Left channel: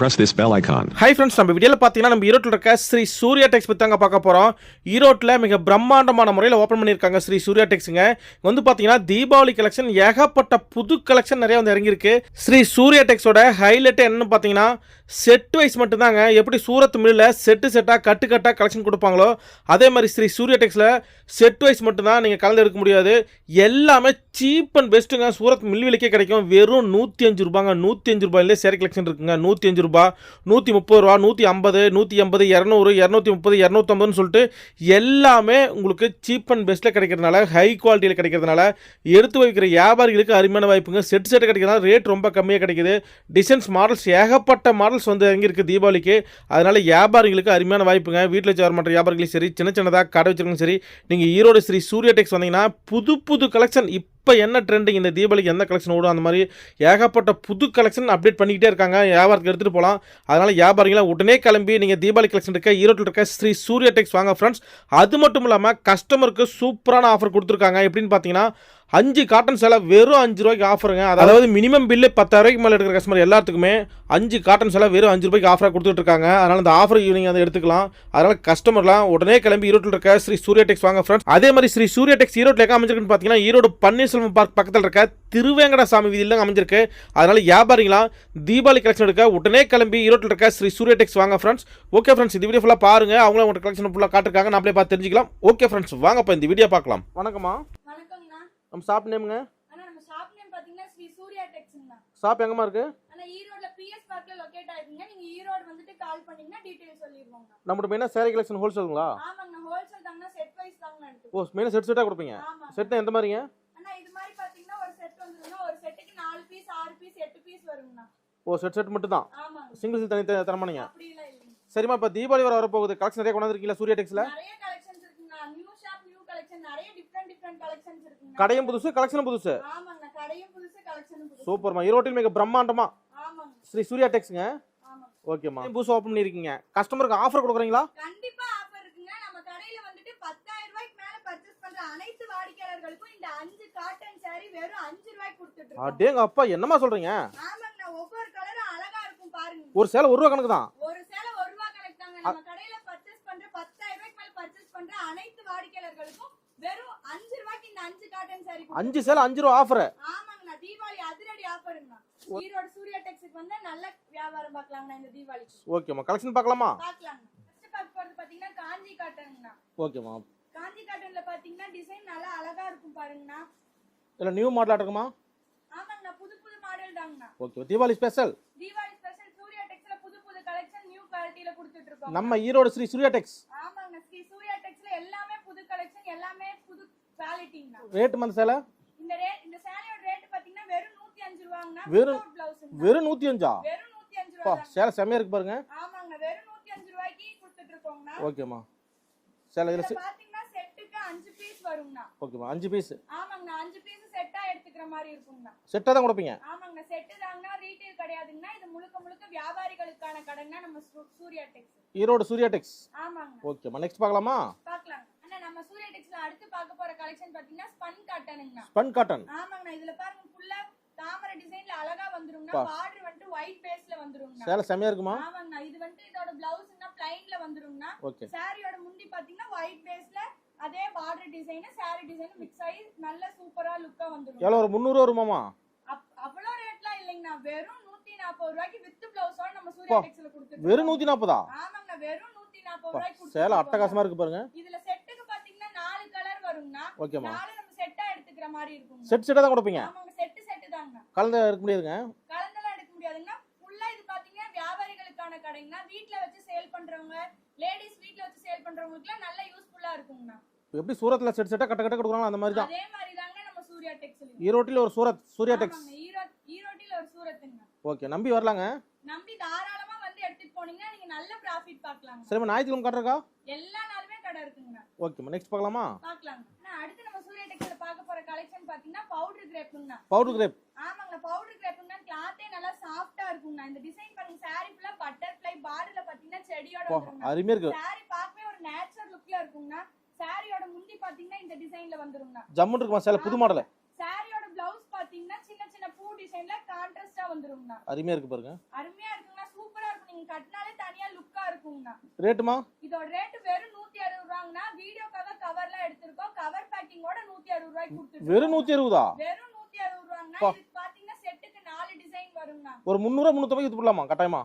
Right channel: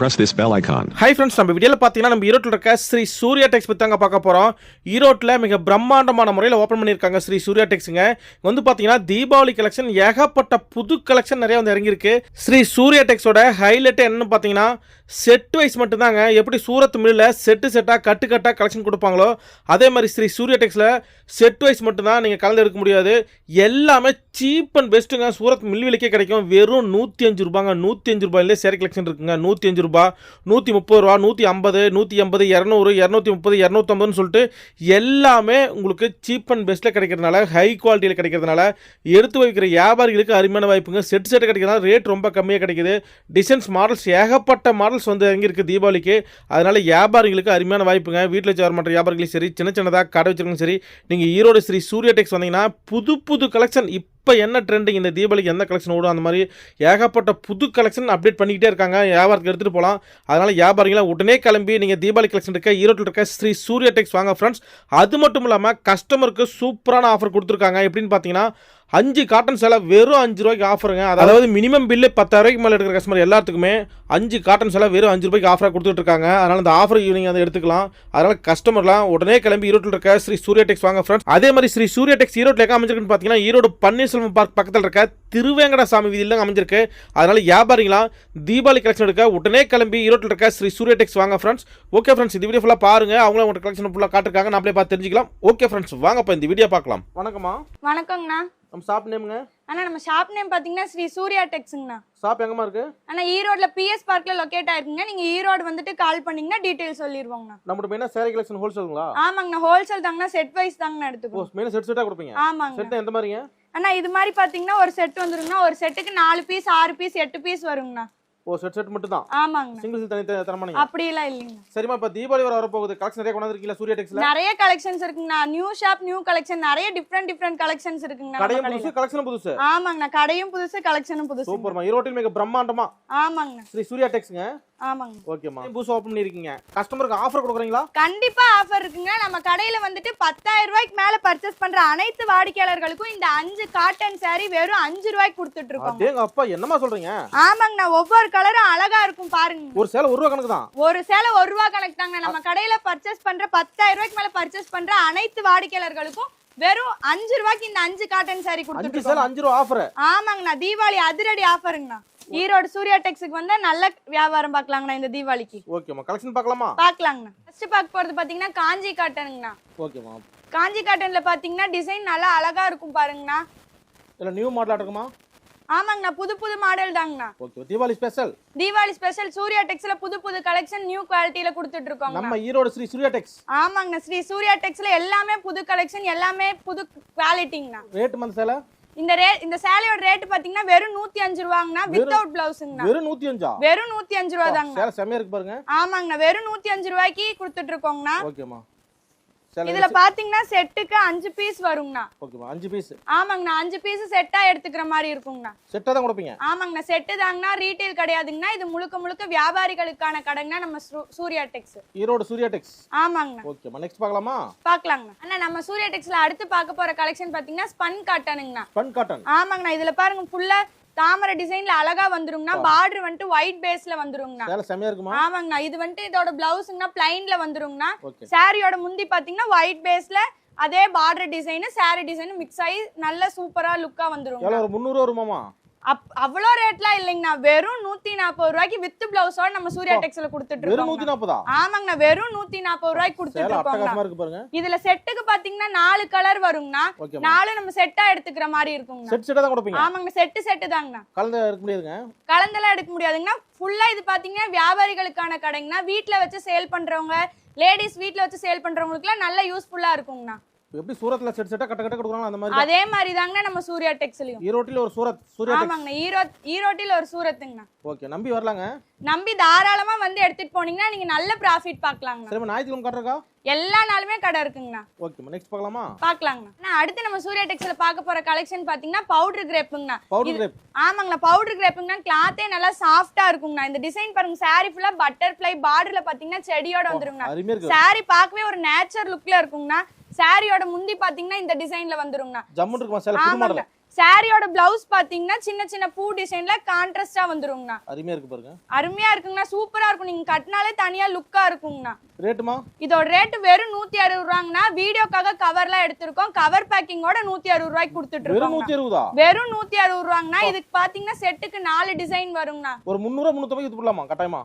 Press this bell icon. Hi friends நம்ம வீடியோவில் பார்த்தீங்கன்னா நம்ம ஈரோட்டில் இருக்க ஸ்ரீ சூர்யா டெக்ஸ் பற்றி தாங்க பார்க்க போகிறோம் ஈரோட்டில் மிக பிரம்மாண்டமான முறையில் ஓப்பன் பண்ணியிருக்காங்க ஸ்ரீ சூர்யா டெக்ஸுங்க இங்க வந்து பார்த்தீங்கன்னா தீபாவளி கலெக்ஷன் ஏகப்பட்ட புது கலெக்ஷன் நிறைய வந்து இறங்கியிருக்கு. ஸ்ரீ சூர்யா டெக்ஸோட ஹைலைட் என்னன்னு பார்த்தீங்கன்னா செட் வைஸ் மட்டும்தாங்க. எப்படி சூரத் மில்லில் செட்டு செட்டாக கட்டு கட்டாக கலெக்ஷன் கொடுப்பாங்களோ அதே மாதிரி ஸ்ரீ சூர்யா டெக்ஸில் செட் வைஸ் மட்டும்தான் நீங்கள் கலந்து எடுக்க முடியாது. எல்லாமே சீப் அண்ட் பெஸ்ட்டுங்க சூரத் மில் விலைக்கே கிடைக்கும். வெறும் நூற்றி அஞ்சு ரூபாங்க நூற்றி அஞ்சு ரூபாயிலே சேரி கலெக்ஷன் இருக்குங்க. நூற்றி அஞ்சு ரூபா நூற்றி முப்பது ரூபா நூற்றி ஐம்பது நூற்றி எண்பது இரநூறு இரநூத்தி முப்பது இரநூத்தம்பதுன்னு சொல்லிட்டு எல்லாமே உங்களுக்கு சீப் அண்ட் பெஸ்ட்டில் கிடைக்கிறதுனால ஹை குவாலிட்டியில் கிடைக்கிறதுனால எடுத்து வைக்கிற வியாபாரிகளுக்கு அருமையான வாய்ப்புங்க. செட் செட் கிடைக்கிறதுனால ரேட் ரொம்ப கம்மியாக கிடைக்குது. டிசைன்ஸ் மாடல்ஸ் ஏகப்பட்ட மாடல்ஸ் வந்து இறங்கியிருக்கு தீபாவளிக்கு. அதனால் வியாபாரிகளுக்கு அருமையான வாய்ப்புங்க. வீட்டில் வச்சு வர மாட்ட வியாபாரிகளும் சரி சின்ன சின்னதாக கடை வச்சிருக்கணும் சரி நீங்கள் ஈரோடு ஸ்ரீ சூர்யா டெக்ஸ் வந்தீங்கன்னா புது புது கலெக்ஷன் இப்போ இப்போ என்ன ட்ரெண்டிங் இந்த தீபாவளிக்கு எந்த கலெக்ஷன் ஓடும்? அந்த மாதிரி ஏகப்பட்ட புது கலெக்ஷன் அப்டேட் பண்ணிக்கிட்டே இருக்காங்க. வியாபாரத்துக்கு எடுத்துகிட்டு போகலாம் அதனால் வியாபாரிகளாம் உடனே கிளம்பி நீங்கள் தீபாவளி கலெக்ஷன் இருக்க ஈரோட்டில் இருக்க ஸ்ரீ சூர்யா டெக்ஸ் வாங்க ஃப்ரெண்ட்ஸ் அது மட்டும் இல்லாமல் கஸ்டமருக்கு சூப்பரான ஆஃபர் கொடுத்துருக்காங்க. எப்படின்னு பார்த்தீங்கன்னா அஞ்சு காட்டன் சேலை வெறும் அஞ்சு ரூபாய்க்கு ஆஃபருங்க அதாவது மினிமம் பில்லு பத்தாயிரூபாய்க்கு மேலே எடுக்கிற கஸ்டமர் எல்லாத்துக்குமே அஞ்சு காட்டன் சேலை வெறும் அஞ்சு ரூபாய்க்கு ஆஃபராக கொடுத்துட்டு இருக்காங்க. அதனால் அந்த ஆஃபர் ஈவினிங் அதை எடுத்துக்கலாம். அதனால் கஸ்டமர்லாம் உடனே கிளம்பி ஈரோட்டில் இருக்க ஸ்ரீ சூர்யா டெக்ஸ் வாங்க ஃப்ரெண்ட்ஸ் அதே மாதிரி ஸ்ரீ சூர்யா டெக்ஸ் ஈரோட்டில் எங்கே அமைஞ்சிருக்குன்னு பார்த்தீங்கன்னா ஈரோடு பன்னீர்செல்வம் பார்க் பக்கத்தில் இருக்க திருவேங்கடசாமி வீதியில் அமைஞ்சிருக்கு. அதனால் வியாபாரிகளாம் தீபாவளி கலெக்ஷன் எடுக்க உடனே கிளம்பி ஈரோட்டில் இருக்க ஸ்ரீ சூர்யா டெக்ஸ் வாங்க ஃப்ரெண்ட்ஸ் ஓகே ஃப்ரெண்ட்ஸ் இந்த வீடியோ ஃபுல்லாக பாருங்க. அவங்களும் உங்களோட கலெக்ஷன் ஃபுல்லாக காட்டிருக்காங்க. நம்மளே பார்த்து தெரிஞ்சுக்கலாம். ஓகே ஃப்ரெண்ட்ஸ் வாங்கப்பா இந்த வீடியோ பார்க்கலாம். வணக்கம்மா. வணக்கங்கண்ணா நம்ம ஷாப் நேமுங்க அண்ணா நம்ம ஷாப் நேம் பார்த்தீங்கன்னா ஸ்ரீ சூர்யா டெக்ஸுங்கண்ணா. ஷாப் எங்கம்மா இருக்கு? அண்ணா ஈரோட்ல பிஎஸ் பார்க்ல லொக்கேட் ஆயிருக்குங்க. நீங்க ஈரோடு வந்துட்டு கால் பண்ணீங்கன்னா டீடைல் சொல்லிடுவோங்கண்ணா நம்மளோட மெயினாக சேரீ கலெக்ஷன் ஹோல்சேலுங்களா ஆமாங்கண்ணா ஹோல்சேல் தாங்கண்ணா செட் வைஸ் தாங்கண்ணா ஓ எடுத்துக்கோ மெயினாக செட் செட்டாக கொடுப்பீங்க? ஆமாங்க செட் எந்த மாதிரிங்க? அண்ணா இது மாதிரி பார்த்தீங்கன்னா ஒரு செட் வந்துருங்கண்ணா. ஒரு செட்டுக்கு நாலு பீஸ் ஆறு பீஸ் எட்டு பீஸ் வருங்கண்ணா. ஓ செட் செட் மட்டும் தான் ஆமாங்கண்ணா சிங்கிள் தனி த- தரமானீங்க அப்படிலாம் இல்லைங்கண்ணா சரிம்மா இப்போ தீபாவளி வர வரப்போகுது. கலெக்ஷன் நிறைய கொண்டாந்துருக்கீங்களா? சூர்யா டெக்ஸ்ல நிறைய கலெக்ஷன்ஸ் இருக்குங்கண்ணா. நியூ ஷாப் நியூ கலெக்ஷன் நிறைய டிஃப்ரெண்ட் டிஃப்ரெண்ட் கலெக்ஷன்ஸ் இருக்குங்கண்ணா. கடையும் புதுசு கலெக்ஷனும் புதுசு. ஆமாங்கண்ணா கடையும் புதுசு கலெக்ஷனும் புதுசு சூப்பர்மா. ஈரோட்டில் மிக பிரம்மாண்டமா? ஆமாங்கண்ணா ஸ்ரீ சூர்யா டெக்ஸ்ங்க ஆமாங்க. ஓகேம்மா. புதுசு ஓப்பன் பண்ணிருக்கீங்க கஸ்டமருக்கு ஆஃபர் கொடுக்குறீங்களா? கண்டிப்பா ஆஃபர் இருக்குங்க. நம்ம கடையில வந்துட்டு பத்தாயிரம் ரூபாய்க்கு மேல பர்ச்சேஸ் பண்ற அனைத்து வாடிக்கையாளர்களுக்கும் இந்த அஞ்சு காட்டன் saree வெறும் அஞ்சு ரூபாய்க்கு கொடுத்துட்டு இருக்கோம். அப்பா என்னம்மா சொல்றீங்க? ஆமாங்கண்ணா. ஒவ்வொரு கலரும் அழகா இருக்கும் பாருங்க. ஒரு சேலை ஒரு ரூபா கணக்கு தான் ஒரு சேலை ஒரு ரூபா கணக்கு தாங்க நம்ம கடையில பர்ச்சேஸ் பண்ற பத்தாயிரம் ரூபாய்க்கு மேல பர்ச்சேஸ் பண்ற அனைத்து வாடிக்கையாளர்களுக்கும் வெறும் அஞ்சு ரூபாய்க்கு இந்த அஞ்சு காட்டன் saree அஞ்சு சேலை அஞ்சு ரூபா ஆஃபர் ஆமாங்கண்ணா. தீபாவளி அதிரடி ஆஃபருங்கண்ணா ஈரோடு சூர்யா டெக்ஸுக்கு வந்தா நல்ல வியாபாரம் பார்க்கலாங்கண்ணா இந்த தீபாவளிக்கு. ஓகேம்மா கலெக்ஷன் பார்க்கலாமா? பார்க்கலாங்கண்ணா. ஃபர்ஸ்ட் பார்க்க போறது பாத்தீங்கன்னா காஞ்சி காட்டனுங்கண்ணா ஓகேம்மா காஞ்சி காட்டன்ல பாத்தீங்கன்னா டிசைன் நல்லா அழகா இருக்கும் பாருங்கண்ணா. இல்லை நியூ மாடலாக இருக்குமா? ஆமாங்கண்ணா புது புது model தாங்கண்ணா. Okay Deepavali special Deepavali special Surya டெக்ஸ்ல புது புது கலெக்ஷன் நியூ குவாலிட்டியில கொடுத்துட்டு இருக்கோம் நம்ம ஈரோடு ஸ்ரீ சூர்யா டெக்ஸ் ஆமாங்கண்ணா ஸ்ரீ சூர்யா டெக்ஸ்ல எல்லாமே புது கலெக்ஷன் எல்லாமே புது குவாலிட்டிங்கண்ணா ரேட்டு மந்த சேலை? இந்த ரே இந்த சேலையோட ரேட் பாத்தீங்கன்னா வெறும் நூத்தி அஞ்சு ரூபாங்கண்ணா வித்தவுட் பிளவுஸுங்கண்ணா வெறும் நூற்றி அஞ்சா? வெறும் நூத்தி அஞ்சு ரூபா தாங்கண்ணா சேலை இருக்கு பாருங்க. ஆமாங்கண்ணா வெறும் நூத்தி அஞ்சு ரூபாய்க்கு கொடுத்துட்டு இருக்கோங்கண்ணா. ஓகேம்மா சேலை இதுல பாத்தீங்கன்னா செட்டுக்கு அஞ்சு பீஸ் வருங்கண்ணா. அஞ்சு பீஸ் ஆமாங்கண்ணா அஞ்சு பீஸ் செட்டா எடுத்துக்கிற மாதிரி இருக்குங்கண்ணா. செட்டாக தான் கொடுப்பீங்க? ஆமாங்கண்ணா செட்டு தாங்கண்ணா ரீட்டைல் கிடையாதுங்கண்ணா இது முழுக்க முழுக்க வியாபாரிகளுக்கான கடைங்கண்ணா நம்ம சூர்யா டெக்ஸ் ஈரோடு சூர்யா டெக்ஸ் ஆமாங்கண்ணா. ஓகேம்மா நெக்ஸ்ட் பார்க்கலாமா? பார்க்கலாங்கண்ணா. அண்ணா நம்ம சூர்யா டெக்ஸ்ல அடுத்து பார்க்க போற கலெக்ஷன் பாத்தீங்கன்னா ஸ்பன் காட்டனுங்கண்ணா ஸ்பன் காட்டன் ஆமாங்கண்ணா இதுல பாருங்க ஃபுல்லா தாமரை டிசைன்ல அழகா வந்துருங்கண்ணா. பார்டர் வந்துட்டு ஒயிட் பேஸ்ல வந்துருங்கண்ணா. சேலை இருக்குமா? ஆமாங்கண்ணா. இது வந்துட்டு இதோட பிளவுஸ்ங்கண்ணா பிளைன்ல வந்துருங்கண்ணா. சாரியோட முந்தி பாத்தீங்கன்னா ஒயிட் பேஸ்ல அதே border design saree design mix ஆகி நல்ல சூப்பரா லுக்கா வந்துரும் ஒரு முந்நூறு வருமாமா அப் அவ்வளோ ரேட்லாம் இல்லைங்கண்ணா. வெறும் நூத்தி நாற்பது ரூபாய்க்கு வித் பிளவுஸோட நம்ம சூர்யா டெக்ஸ்ல கொடுத்துட்டு வெறும் இருக்கோம் நாற்பதா ஆமாங்கண்ணா வெறும் நூத்தி நாற்பது ரூபாய்க்கு கொடுத்துட்டு அட்டகாசமா இருக்கோம் இருக்கு பாருங்க. இதுல செட்டுக்கு பாத்தீங்கன்னா நாலு கலர் வருங்கண்ணா. நாலு நம்ம செட்டா எடுத்துக்கிற மாதிரி இருக்குங்கண்ணா. செட் செட்டாக தான் கொடுப்பீங்க? ஆமாங்க செட்டு செட்டு தாங்கண்ணா. கலந்து எடுக்க முடியாதுங்க? கலந்தெல்லாம் எடுக்க முடியாதுங்கண்ணா. ஃபுல்லா இது பாத்தீங்கன்னா வியாபாரிகளுக்கான கடைங்கண்ணா. வீட்ல வச்சு சேல் பண்றவங்க லேடிஸ் வீட்ல வச்சு சேல் பண்றவங்களுக்குலாம் நல்ல யூஸ்ஃபுல்லா இருக்குங்கண்ணா. எப்படி சூரத்ல செட் செட்டாக கட்ட கட்ட கொடுக்குறாங்க அந்த மாதிரி அதே மாதிரி தாங்கண்ணா நம்ம சூர்யா டெக்ஸ்லயும். ஈரோட்டில் ஒரு சூரத் சூர்யா டெக்ஸ். ஆமாங்கண்ணா ஈரோட் ஈரோட்டில் ஒரு சூரத்துங்கண்ணா ஓகே நம்பி வரலாங்க. நம்பி தாராளமா வந்து எடுத்துட்டு போனீங்கன்னா நீங்க நல்ல ப்ராஃபிட் பார்க்கலாங்கண்ணா சரிம்மா ஞாயிற்றுக்கிழமை காட்டுறக்கா எல்லா நாளுமே கடை இருக்குங்கண்ணா. ஓகேம்மா நெக்ஸ்ட் பார்க்கலாமா? பார்க்கலாங்கண்ணா. அண்ணா, அடுத்து நம்ம சூர்யா டெக்ஸ்ல பார்க்க போற கலெக்ஷன் பாத்தீங்கன்னா பவுடர் கிரேப்புங்கண்ணா பவுடர் கிரேப் ஆமாங்கண்ணா பவுடர் கிரேப்புங்கண்ணா கிளாத்தே நல்லா சாஃப்டா இருக்குங்கண்ணா. இந்த டிசைன் பாருங்க saree ஃபுல்லா பட்டர்ஃப்ளை பார்டர்ல பாத்தீங்கன்னா செடியோட வந்துருங்கண்ணா. இருக்கு. Saree பார்க்கவே ஒரு நேச்சர் லுக்ல இருக்குங்கண்ணா. சாரியோட முந்தி பாத்தீங்கன்னா இந்த டிசைன்ல வந்துருங்கண்ணா. ஜம்முன்னு இருக்குமா சேலை புது மாடல் சாரியோட பிளவுஸ் பாத்தீங்கன்னா சின்ன சின்ன பூ டிசைன்ல கான்ட்ராஸ்டா வந்துருங்கண்ணா. அருமையா இருக்கு பாருங்க. அருமையா இருக்குங்கண்ணா. சூப்பரா இருக்கும். நீங்க கட்டினாலே தனியா லுக்கா இருக்குங்கண்ணா. ரேட்டுமா இதோட ரேட் வெறும் நூத்தி அறுபது ரூபாங்கண்ணா. வீடியோக்காக கவர்லாம் எடுத்திருக்கோம். கவர் பேக்கிங்கோட நூத்தி அறுபது ரூபாய்க்கு கொடுத்துட்டு வெறும் நூத்தி அறுபதா? வெறும் நூத்தி அறுபது ரூபாங்கண்ணா. இதுக்கு பாத்தீங்கன்னா செட்டுக்கு நாலு டிசைன் வருங்கண்ணா. ஒரு முந்நூறுவா முந்நூத்தம்பது இது போடலாமா? கட்டாயமா?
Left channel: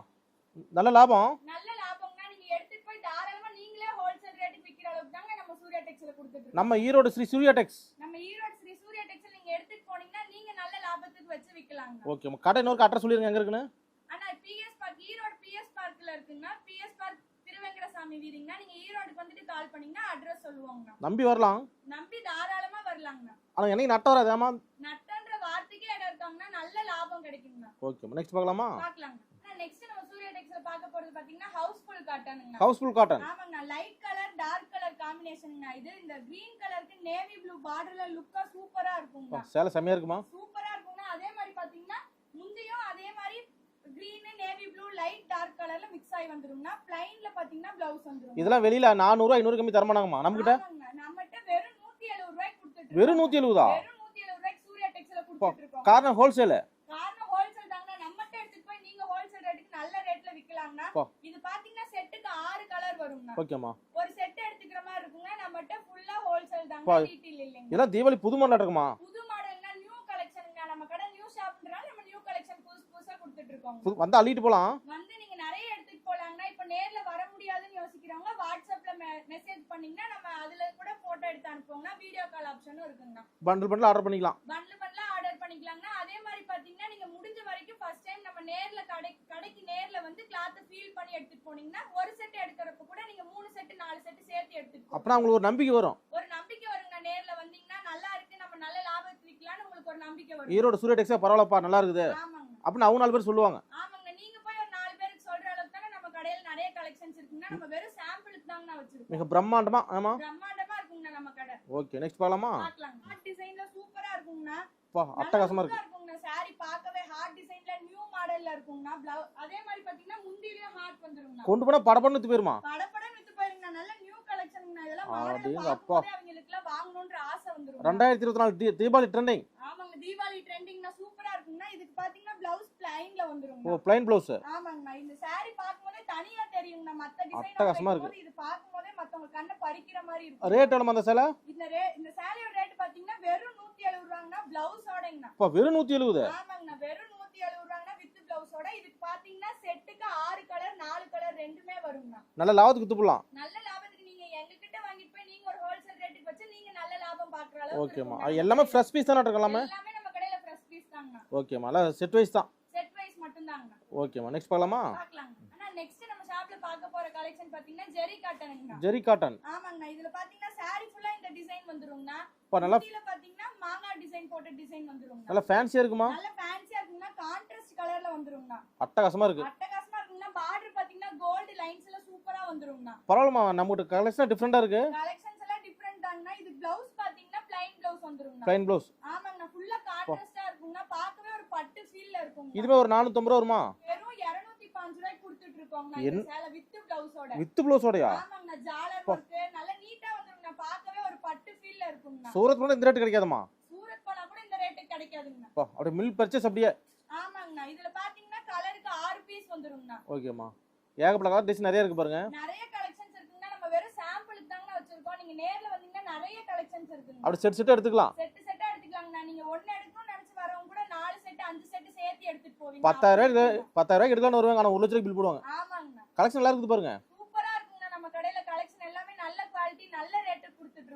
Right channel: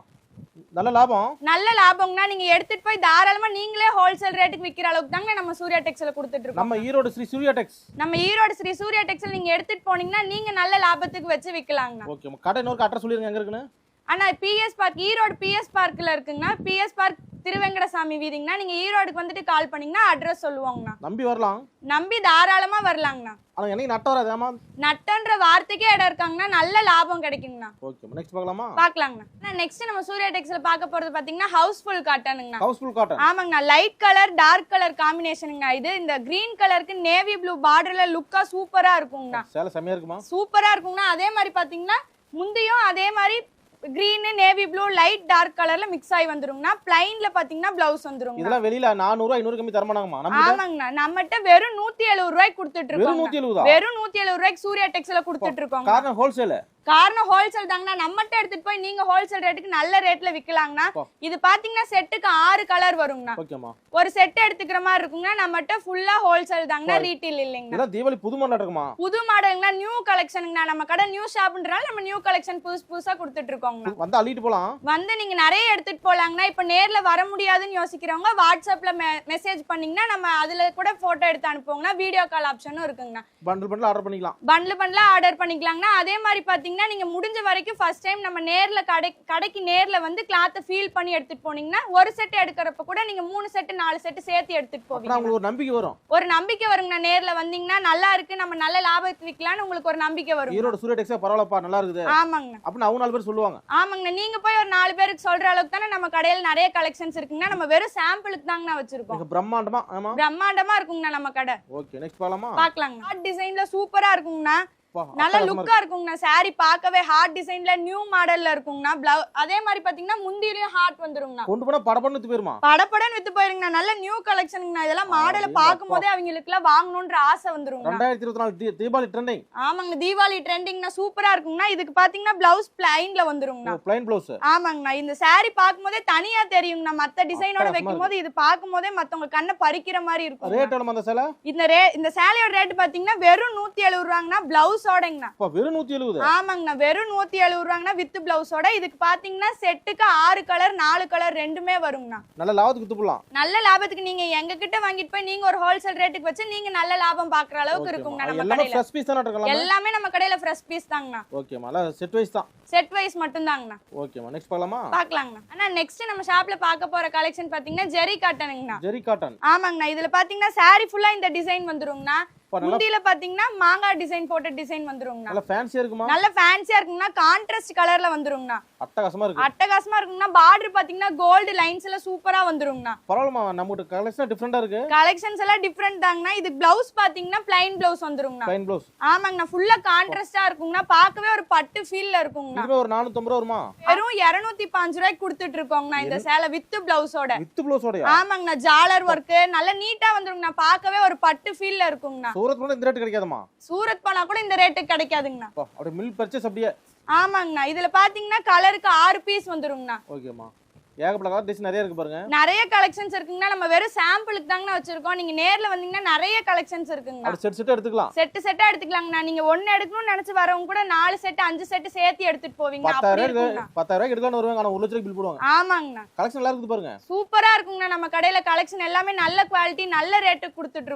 நல்ல லாபம். நல்ல லாபம்னா நீங்க எடுத்துட்டு போய் தாராளமா நீங்களே ஹோல்சேல் ரேட்டுக்கு விக்கிற அளவுக்கு தாங்க நம்ம சூர்யா டெக்ஸ்ல கொடுத்துட்டு இருக்கோம். நம்ம ஈரோடு ஸ்ரீ சூர்யா டெக்ஸ் நம்ம ஈரோடு ஸ்ரீ சூர்யா டெக்ஸ்ல நீங்க எடுத்துட்டு போனீங்கன்னா நீங்க நல்ல லாபத்துக்கு வச்சு விக்கலாங்கண்ணா. ஓகே கடை இன்னொரு அட்ரஸ் சொல்லிருங்க எங்க இருக்குன்னு? ஆனா பிஎஸ் பார்க் ஈரோடு பிஎஸ் பார்க்ல இருக்குங்கண்ணா. பிஎஸ் பார்க் திருவெங்கடசாமி வீதிங்கண்ணா. நீங்க ஈரோடுக்கு வந்துட்டு கால் பண்ணீங்கன்னா அட்ரஸ் சொல்லுவாங்கண்ணா. நம்பி வரலாம். நம்பி தாராளமா வரலாங்கண்ணா. ஆனா என்னைக்கு நட்ட வராதாமா நட்டன்ற வார்த்தைக்கே இடம் இருக்காங்கன்னா நல்ல லாபம் கிடைக்குங்கண்ணா. ஓகே நெக்ஸ்ட் பார்க்கலாமா? பாக்கலாங்கண்ணா நெக்ஸ்ட் நம்ம சூர்யா டெக்ஸ்ல பார்க்க போறது பாத்தீங்கன்னா ஹவுஸ்ஃபுல் காட்டனுங்கண்ணா ஹவுஸ்ஃபுல் காட்டன் ஆமாங்கண்ணா. லைட் கலர் டார்க் கலர் காம்பினேஷனுங்கண்ணா இது இந்த கிரீன் கலருக்கு நேவி ப்ளூ பார்டர்ல லுக்கா சூப்பரா இருக்குங்கண்ணா. சேலை செமையா இருக்குமா? சூப்பரா இருக்குங்கண்ணா. அதே மாதிரி பாத்தீங்கன்னா முந்தையும் அதே மாதிரி green navy blue light dark கலர்ல மிக்ஸ் ஆகி வந்துருங்கண்ணா பிளைன்ல பாத்தீங்கன்னா பிளவுஸ் வந்துருங்க இதெல்லாம் வெளியில நானூறு ஐநூறு கம்மி தரமாட்டாங்கம்மா. நம்ம ஆமாங்கண்ணா. நம்மகிட்ட வெறும் நூத்தி எழுபது ரூபாய்க்கு கொடுத்துட்டு வெறும் இருக்கோம் நூத்தி எழுபதா வெறும் நூத்தி எழுபது ரூபாய்க்கு சூர்யா டெக்ஸ்ல கொடுத்துட்டு இருக்கோம் காரணம் ஹோல்சேல் காரணம் ஹோல்சேல் தாங்கண்ணா. நம்மகிட்ட எடுத்துட்டு போய் நீங்க ஹோல்சேல் ரேட்டுக்கு நல்ல ரேட்ல விக்கலாங்கண்ணா. இது பாத்தீங்கன்னா செட்டுக்கு ஆறு கலர் வருங்கண்ணா. ஒரு செட் எடுத்துக்கிற மாதிரி இருக்குங்கண்ணா. நம்மகிட்ட ஃபுல்லா ஹோல்சேல் தாங்கண்ணா. ரீட்டெயில் இல்லைங்க தீபாவளி புது மாடல் இருக்குமா? புது மாடலுங்கண்ணா நியூ கலெக்ஷனுங்கண்ணா நம்ம கடை நியூ ஷாப்ன்றனால நம்ம நியூ கலெக்ஷன் புதுசு புதுசா கொடுத்துட்டு இருக்கோங்கண்ணா. வந்து அள்ளிட்டு போலாம். வந்து நீங்க நிறைய எடுத்துட்டு போலாங்கண்ணா. இப்ப நேர்ல வர முடியாதுன்னு யோசிக்கிறவங்க வாட்ஸ்அப்ல மெசேஜ் பண்ணீங்கன்னா நம்ம அதுல கூட போட்டோ எடுத்து அனுப்புவோங்கண்ணா. வீடியோ கால் ஆப்ஷனும் இருக்குங்கண்ணா. பண்டில் பண்டில் ஆர்டர் பண்ணிக்கலாம். பண்ட்ல பண்ட்ல ஆர்டர் பண்ணிக்கலாங்கண்ணா. அதே மாதிரி பாத்தீங்கன்னா நீங்க முடிஞ்ச வரைக்கும் ஃபர்ஸ்ட் டைம் நம்ம நேர்ல கடை கடைக்கு நேர்ல வந்து கிளாத்தை ஃபீல் பண்ணி எடுத்துட்டு போனீங்கன்னா ஒரு செட் எடுக்கிறப்ப கூட நீங்க மூணு செட் நாலு செட் சேர்த்து போவீங்க. உங்களுக்கு ஒரு நம்பிக்கை வரும். ஒரு நம்பிக்கை வருங்கண்ணா நேர்ல வந்தீங்கன்னா நல்லா இருக்கு நம்ம நல்ல லாபத்துக்கு விக்கலாம்னு உங்களுக்கு ஒரு நம்பிக்கை வரும். ஈரோடு சூரிய டெக்ஸா பரவாயில்லப்பா நல்லா இருக்குது. ஆமாங்கண்ணா அப்படின்னு அவங்க நாலு பேர் சொல்லுவாங்க. ஆமாங்கண்ணா நீங்க போய் ஒரு நாலு பேருக்கு சொல்ற அளவுக்கு தானே நம்ம கடையில நிறைய கலெக்ஷன்ஸ் இருக்குங்கண்ணா நம்ம வெறும் சாம்பிளுக்கு தாங்கண்ணா வச்சிருக்கோம். பிரம்மாண்டமா ஆமா. பிரம்மாண்டமா இருக்குங்கண்ணா நம்ம கடை. ஓகே நெக்ஸ்ட் பார்க்கலாமா? பாக்கலாங்க ஹார்ட் டிசைன்ல சூப்பரா இருக்குங்கண்ணா. நல்ல லுக்கா இருக்குங்கண்ணா. Saree பார்க்கவே ஹார்ட் டிசைன்ல நியூ மாடல்ல இருக்குங்கண்ணா. பிளவு அதே மாதிரி பாத்தீங்கன்னா முந்திரியும் ஹார்ட் வந்துருங்கண்ணா. கொண்டு போனா வித்து போயிருமா? படப்படன்னு வித்து போயிருங்கண்ணா. நல்ல நியூ கலெக்ஷனுங்கண்ணா இதெல்லாம் மாடலை அடேங்கப்பா. பார்க்கும் போதே அவங்களுக்கு எல்லாம் வாங்கணும்ன்ற ஆசை வந்துருங்கண்ணா. ரெண்டாயிரத்தி இருபத்தி நாலு தீ- தீபாவளி ட்ரெண்டிங் ஆமாங்க தீபாவளி ட்ரெண்டிங்னா சூப்பரா இருக்குங்கண்ணா. இதுக்கு பாத்தீங்கன்னா பிளவுஸ் பிளைன்ல வந்துருங்கண்ணா. பிளைன் பிளவுஸ் ஆமாங்கண்ணா. இந்த saree பார்க்கும் போதே தனியா தெரியுங்கண்ணா. மத்த டிசைனோட அட்டகாசமா வைக்கும் போது இது பார்க்கும் போதே மத்தவங்க கண்ணை பறிக்கிற மாதிரி இருக்கும் ரேட் எவ்வளவு அந்த சேலை? இந்த ரே இந்த சேலையோட ரேட் பாத்தீங்கன்னா வெறும் நூத்தி எழுபது ரூபாங்கண்ணா. பிளவுஸோடங்கண்ணா அப்பா வெறும் நூத்தி எழுபது? ஆமாங்கண்ணா வெறும் நூத்தி எழுபது ரூபாங்கண்ணா வித் பிளவுஸோட இதுக்கு பாத்தீங்கன்னா செட்டுக்கு ஆறு கலர் நாலு கலர் ரெண்டுமே வருங்கண்ணா. நல்ல லாபத்துக்கு வித்து போடலாம் நல்ல லாபத்துக்கு நீங்க எங்க கிட்ட வாங்கிட்டு போய் நீங்க ஒரு ஹோல்சேல் ரேட்டுக்கு வச்சு நீங்க நல்ல லாபம் பாக்குற அளவுக்கு நம்ம எல்லாமே. ஃப்ரெஷ் பீஸ் தானே இருக்கலாம் எல்லாமே நம்ம கடையில ஃப்ரெஷ் பீஸ் தாங்கண்ணா. எல்லாம் செட் வைஸ் தான். செட் வைஸ் மட்டும் தாங்கண்ணா ஓகேம்மா. நெக்ஸ்ட் பார்க்கலாமா? பாக்கலாங்கண்ணா ஆனா நெக்ஸ்ட் நம்ம ஷாப்ல பார்க்க போற கலெக்ஷன் பாத்தீங்கன்னா ஜெரி காட்டனுங்கண்ணா. ஜெரி காட்டன். ஆமாங்கண்ணா. இதுல பாத்தீங்கன்னா saree ஃபுல்லா இந்த டிசைன் வந்துருங்கண்ணா. முந்தியில பாத்தீங்கன்னா மாங்காய் டிசைன் போட்ட டிசைன் வந்துருங்கண்ணா. நல்லா ஃபேன்சியா இருக்குமா? நல்ல ஃபேன்சியா இருக்குங்கண்ணா. கான்ட்ராஸ்ட் கலர்ல வந்துருங்கண்ணா. அட்டகாசமா இருக்கு. அட்டகாசமா இருக்குங்கண்ணா. பார்டர் பாத்தீங்கன்னா கோல்டு லைன்ஸ் எல்லாம் சூப்பரா வந்துருங்கண்ணா. பரவாயில்லமா நம்மகிட்ட கலெக்ஷன் டிஃப்ரெண்டா இருக்கு. கலெக்ஷன்ஸ் எல்லாம் டிஃப்ரெண்ட் தாங்கண்ணா. இது பிளவுஸ் பாத்தீங்கன்னா பிளைன் பிளவுஸ் வந்துருங்கண்ணா. பிளைன் பிளவுஸ் ஆமாங்கண்ணா. ஃபுல்லா கான்ட்ராஸ்டா இருக்குங்கண்ணா. பார்க்கவே ஒரு பட்டு ஃபீல்ல இருக்குங்கண்ணா. இதுவே ஒரு நானூத்தம்பது ரூபா வருமா? வெறும் இருநூத்தி பாஞ்சு ரூபாய்க்கு கொடுத்துட்டு இருக்கோங்கண்ணா இந்த சேலை வித்து பிளவுஸோட வித் பிளவுஸோடயா ஆமாங்கண்ணா. ஜாலர் ஒர்க் நல்ல நீட்டா வந்துருங்கண்ணா. பார்க்கவே ஒரு பட்டு ஃபீல்ல இருக்குங்கண்ணா. சூரத் கூட இந்த ரேட் கிடைக்காதம்மா. சூரத் போனா கூட இந்த ரேட்டுக்கு கிடைக்காதுங்கண்ணா. அப்பா அப்படியே மில் பர்ச்சேஸ் அப்படியே. ஆமாங்கண்ணா. இதுல பாத்தீங்கன்னா கலருக்கு ஆறு பீஸ் வந்துருங்கண்ணா. ஓகேம்மா ஏகப்பட்ட கலர் நிறைய இருக்கு பாருங்க. நிறைய கலெக்ஷன்ஸ் இருக்குங்கண்ணா. நம்ம வெறும் சாம்பிளுக்கு தாங்கண்ணா வச்சிருக்கோம். நீங்க நேர்ல வந்தீங்கன்னா நிறைய கலெக்ஷன்ஸ் இருக்குங்கண்ணா. அப்படி செட் செட் எடுத்துக்கலாம். செட்டு செட்டா எடுத்துக்கலாங்கண்ணா. நீங்க ஒண்ணு எடுக்கணும்னு நினைச்சு வரவங்க கூட நாலு செட் அஞ்சு செட் சேர்த்து எடுத்துட்டு போவீங்க. பத்தாயிரம் ரூபாய். பத்தாயிரம் ரூபாய் எடுக்கலாம் வருவாங்க. ஆனா ஒரு லட்சம் பில் போடுவாங்க. ஆமாங்கண்ணா. கலெக்ஷன் நல்லா இருக்குது பாருங்க. சூப்பரா இருக்குங்கண்ணா. நம்ம கடையில கலெக்ஷன் எல்லாமே நல்ல குவாலிட்டி நல்ல ரேட்டுக்கு கொடுத்துட்டு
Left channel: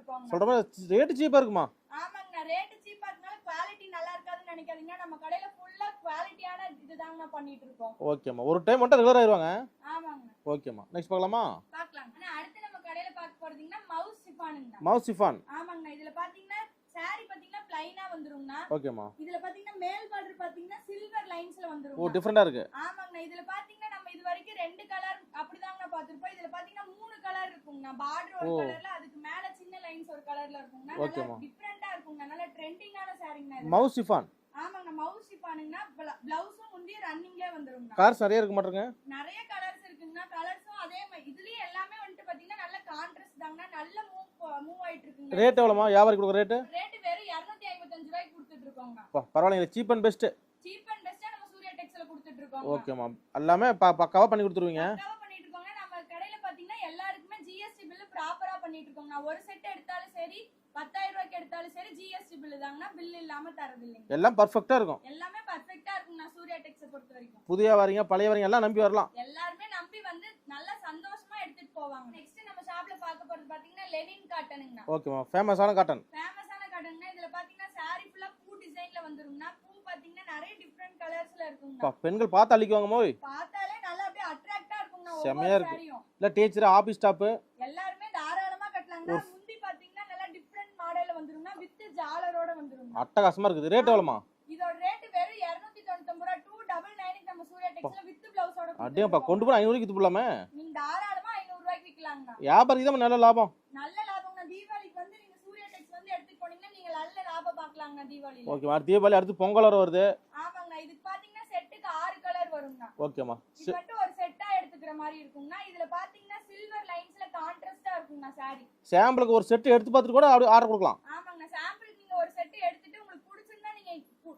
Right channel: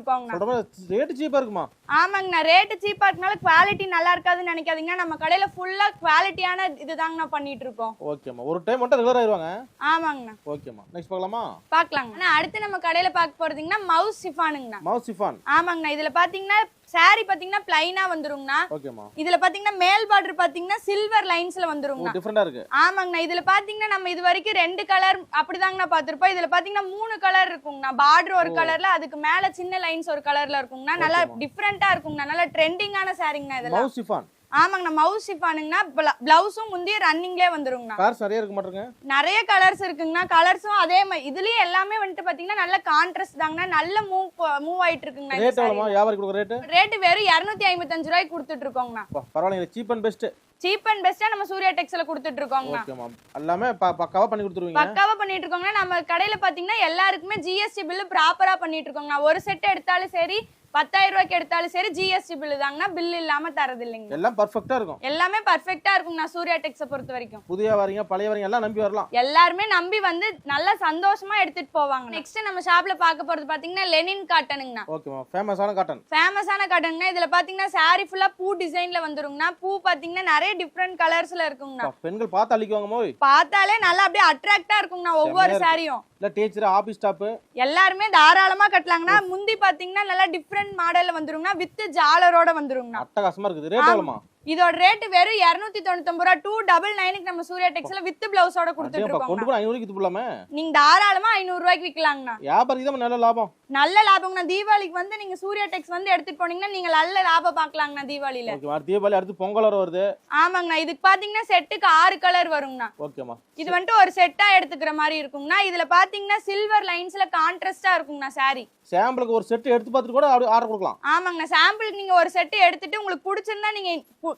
மாதிரி ரேட் சீப்பா இருக்குமா? ஆமாங்கண்ணா. ரேட்டு சீப்பா இருக்கனால குவாலிட்டி நல்லா இருக்காதுன்னு நினைக்காதீங்கன்னா நம்ம கடையில ஃபுல்லா குவாலிட்டியான இதுதாங்கண்ணா பண்ணிட்டு இருக்கோம். ஓகேம்மா ஒரு டைம் மட்டும் ரெகுலர் ஆயிருவாங்க. ஆமாங்கண்ணா. ஓகேம்மா. நெக்ஸ்ட் பார்க்கலாமா? பாக்கலாங்க ஆனா அடுத்து நம்ம கடையில பார்க்க போறதுங்கன்னா மவுஸ் சிஃபானுங்கண்ணா. Mouse chiffon. ஆமாங்கண்ணா. இதுல பாத்தீங்கன்னா saree பாத்தீங்கன்னா பிளைனா வந்துருங்கண்ணா. ஓகேம்மா. இதுல பாத்தீங்கன்னா மேல் பார்டர் பாத்தீங்கன்னா சில்வர் லைன்ஸ்ல ஓ வந்துருங்கண்ணா. டிஃப்ரெண்டா இருக்கு. ஆமாங்கண்ணா. இதுல பாத்தீங்கன்னா நம்ம இது வரைக்கும் ரெண்டு கலர் அப்படிதாங்கண்ணா பாத்திருப்போம் இதுல பாத்தீங்கன்னா மூணு கலர் இருக்குங்கண்ணா. பார்டர் ஒரு. கலர்ல அதுக்கு மேல சின்ன லைன்ஸ் ஒரு கலர்ல இருக்குங்கண்ணா. நல்லா ஓகேம்மா. டிஃப்ரெண்டா இருக்குங்கண்ணா. நல்லா ட்ரெண்டிங்கான சாரிங்கண்ணா இதெல்லாம். Mouse chiffon. ஆமாங்கண்ணா மவுஸ் ஷிஃபானுங்கண்ணா பிளவுஸும் முந்தைய ரன்னிங்லேயே வந்துருங்கண்ணா. கார்ஸ் நிறைய இருக்க மாட்டேங்க நிறைய கலர்ஸ் இருக்குங்கண்ணா கலர்ஸும் அதே மாதிரி இதுலயே எல்லாமே வந்துட்டு பாத்தீங்கன்னா நல்ல கான்ட்ராஸ்ட் தாங்கண்ணா நல்ல மூவ் மூவ் ஆயிட்டு இருக்குங்கண்ணா ரேட் எவ்வளோமா வியாபாரி கொடுக்குற ரேட்டு ரேட் வெறும் இரநூத்தி ஐம்பத்தஞ்சு ரூபாய்க்கு கொடுத்துட்டு இருக்கோங்கண்ணா பரவாயில்லைங்க cheap and best cheap and பெஸ்டா நம்ம சூர்யா டெக்ஸ்ல கொடுத்துட்டு இருக்கோங்கண்ணா ஓகேம்மா எல்லாமே பக்காவா பண்ணி கொடுத்துருவீங்க? பக்காவா பண்ணிட்டு இருக்கோங்கன்னா நம்ம கடையில பாத்தீங்கன்னா எல்லாருக்குமே ஜிஎஸ்டி பில்லு ப்ராப்பரா பண்ணிட்டு இருக்கோங்கண்ணா. ஒரு செட் எடுத்தாலும் சரி பத்தாயிரம் ரூபாய்க்கு எடுத்தாலும் சரி ஜிஎஸ்டி பில்லு தாங்கண்ணா பில் இல்லாம தரது இல்லைங்க எல்லாம் பர்ஃபெக்டா இருக்கும். எல்லாமே பர்ஃபெக்டா இருக்குங்கண்ணா சூர்யா டெக்ஸை பொறுத்த வரைக்கும். புதிய வரீங்க பழைய வரீங்க எல்லாம் நம்பி வரலாம். எல்லாருமே நம்பி வந்து நல்லா சந்தோஷமா எடுத்துட்டு போவாங்க. நெக்ஸ்ட் நம்ம ஷாப்ல பார்க்க போறது பாத்தீங்கன்னா லெனின் காட்டனுங்கண்ணா ஓகேம்மா ஃபேமஸான காட்டன் ஃபேமஸான காட்டனுங்கண்ணா இதுல பாத்தீங்கன்னா saree ஃபுல்லா பூ டிசைன்ல வந்துருங்கண்ணா. பூ பாத்தீங்கன்னா நிறைய டிஃப்ரெண்ட் கலர்ஸ்ல இருக்குங்கண்ணா. பெண்கள் பார்த்து அள்ளிக்குவாங்க மோய். பார்த்தாலே நல்லா அப்படியே அட்ராக்டா இருக்குங்கண்ணா ஒவ்வொரு. சாரியும் இல்ல டீச்சர் ஆபீஸ் ஸ்டாப்பு எல்லாருமே தாராளமா கட்டலாங்கண்ணா. முந்தி பாத்தீங்கன்னா நல்லா டிஃப்ரெண்ட் டிஃப்ரெண்ட் மாடல்ல வந்துருங்கண்ணா வித் ஜாலரோட வந்துருங்கண்ணா அட்டகாசமா இருக்குது. ரேட் எவ்வளவுமா இதோட ரேட் வெறும் இருநூத்தி தொண்ணூத்தொன்பது ரூபா. டூ டபுள் நைனுக்கு நம்ம சூர்யா டெக்ஸ்ல வித் பிளவுஸோட அப்படியேப்பா கொண்டு போய் ஐநூறுக்கு இது போடலாமே நீங்க தாராளமா ஐநூறு ரூபாய்க்கு விக்கலாங்கண்ணா. வியாபாரிக்கு தான் நல்ல லாபம். நல்ல லாபம்ண்ணா தீபாவளிக்கு வந்து நீங்க சூர்யா டெக்ஸ் வந்து எடுத்துட்டு போனீங்கன்னா நீங்க நல்ல லாபம் பார்க்கலாங்கண்ணா தீபாவளியில. ஓகேம்மா தீபாவளி அடுத்து பொங்கல் வர வருது. ஆமாங்கண்ணா. இதுக்கு பாத்தீங்கன்னா செட்டுக்கு ஆறு கலர் வருங்கண்ணா. ஓகேம்மா இது வந்துட்டு ஒரு செட்டா எடுத்துக்கிற மாதிரி இருக்குங்கண்ணா. இதுல பாத்தீங்கன்னா சில்வர் லைன்ஸ்ல கான்ட்ராஸ்டா இருக்குங்கண்ணா saree. சாம்பிளுக்கு ஒரு செட் எடுத்து பார்த்துட்டு கூட ஆர்டர் கொடுக்கலாம். ஆமாங்கண்ணா. சாம்பிளுக்கு நீங்க ஒரு செட்டு எடுத்துட்டு உங்களுக்கு பிடிச்சிருந்தா நீங்க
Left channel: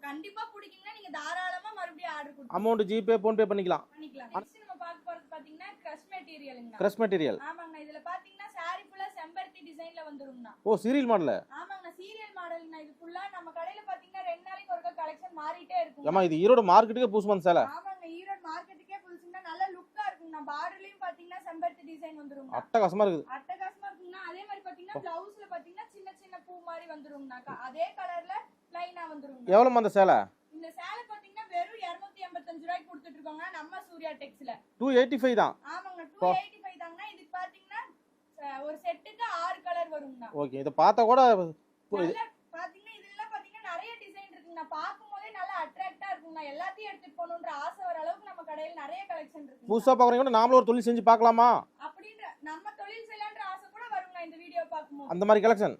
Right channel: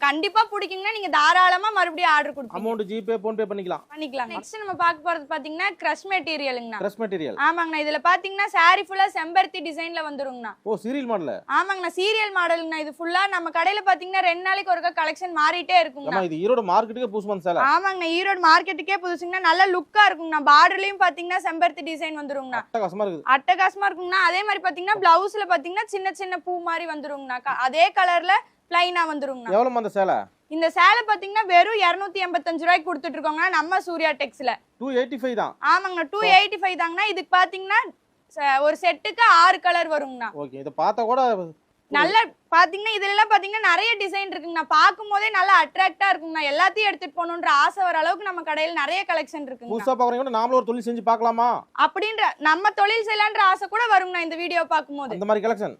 கண்டிப்பா பிடிக்குங்கன்னா நீங்க தாராளமா மறுபடியும் ஆர்டர் கொடுக்கலாம் அமௌண்ட் ஜிபே ஃபோன்பே பண்ணிக்கலாம். பண்ணிக்கலாம். நெக்ஸ்ட் நம்ம பார்க்க போறது பாத்தீங்கன்னா கிரஷ் மெட்டீரியலுங்கண்ணா ட்ரெஸ் மெட்டீரியல் ஆமாங்கண்ணா இதுல பாத்தீங்கன்னா saree ஃபுல்லா செம்பருத்தி டிசைன்ல வந்துருங்கண்ணா. ஓ சீரியல் மாடல் ஆமாங்கண்ணா சீரியல் மாடலுங்கண்ணா இது ஃபுல்லா நம்ம கடையில பாத்தீங்கன்னா ரெண்டு நாளைக்கு ஒருக்கா கலெக்ஷன் மாறிட்டே இருக்குங்கண்ணா. ஏமா இது ஈரோடு மார்க்கெட்டுக்கு புதுசு வந்து சேலை. ஆமாங்கண்ணா ஈரோடு மார்க்கெட்டுக்கே புதுசுங்கண்ணா நல்ல லுக்கா இருக்குங்கண்ணா. பார்டர்லயும் பாத்தீங்கன்னா செம்பருத்தி டிசைன் வந்துருங்கண்ணா. அட்டகாசமா இருக்குது. அட்டகாசமா இருக்குங்கண்ணா. அதே மாதிரி பாத்தீங்கன்னா பிளவுஸ்ல பாத்தீங்கன்னா சின்ன சின்ன பூ மாதிரி வந்துருங்கண்ணா. அதே கலர்ல பிளைனா வந்துருங்கண்ணா எவ்வளோமா அந்த சேலை? இந்த சேலை பாத்தீங்கன்னா வெறும் இருநூத்தி எண்பத்தஞ்சு ரூபாய்க்கு கொடுத்துட்டு இருக்கோங்கண்ணா நம்ம சூர்யா டெக்ஸ்ல. டூ எயிட்டி ஃபைவ் தான். ஆமாங்கண்ணா டூ எயிட்டி ஃபைவ் தாங்கண்ணா. இதுக்கு பாத்தீங்கன்னா ஒரு செட்டுக்கு ஆறு கலர் வருங்கண்ணா. ஓகே இதை பார்த்தா கூட நல்ல பாத்தீங்கன்னா இதுல எல்லாம் பாத்தீங்கன்னா நிறைய டிசைன் இருக்குங்கண்ணா. பார்க்கும் போதே நல்லா அட்ராக்டா இருக்குங்கண்ணா. எல்லாத்தையும் எடுத்துட்டு போகணுன்ற ஆசை வர அளவுக்கு நம்ம கடையில நிறைய கலெக்ஷன் இருக்குங்க புதுசா பார்க்குறவங்க கூட நாமளும் ஒரு தொழில் செஞ்சு பார்க்கலாமா? அப்படின்ற நம்ம தொழில் செய்யலான்ற ஆசை கூட வருங்கண்ணா இந்த வீடியோ பார்க்கும்போது. அந்த மாதிரி கலெக்ஷன்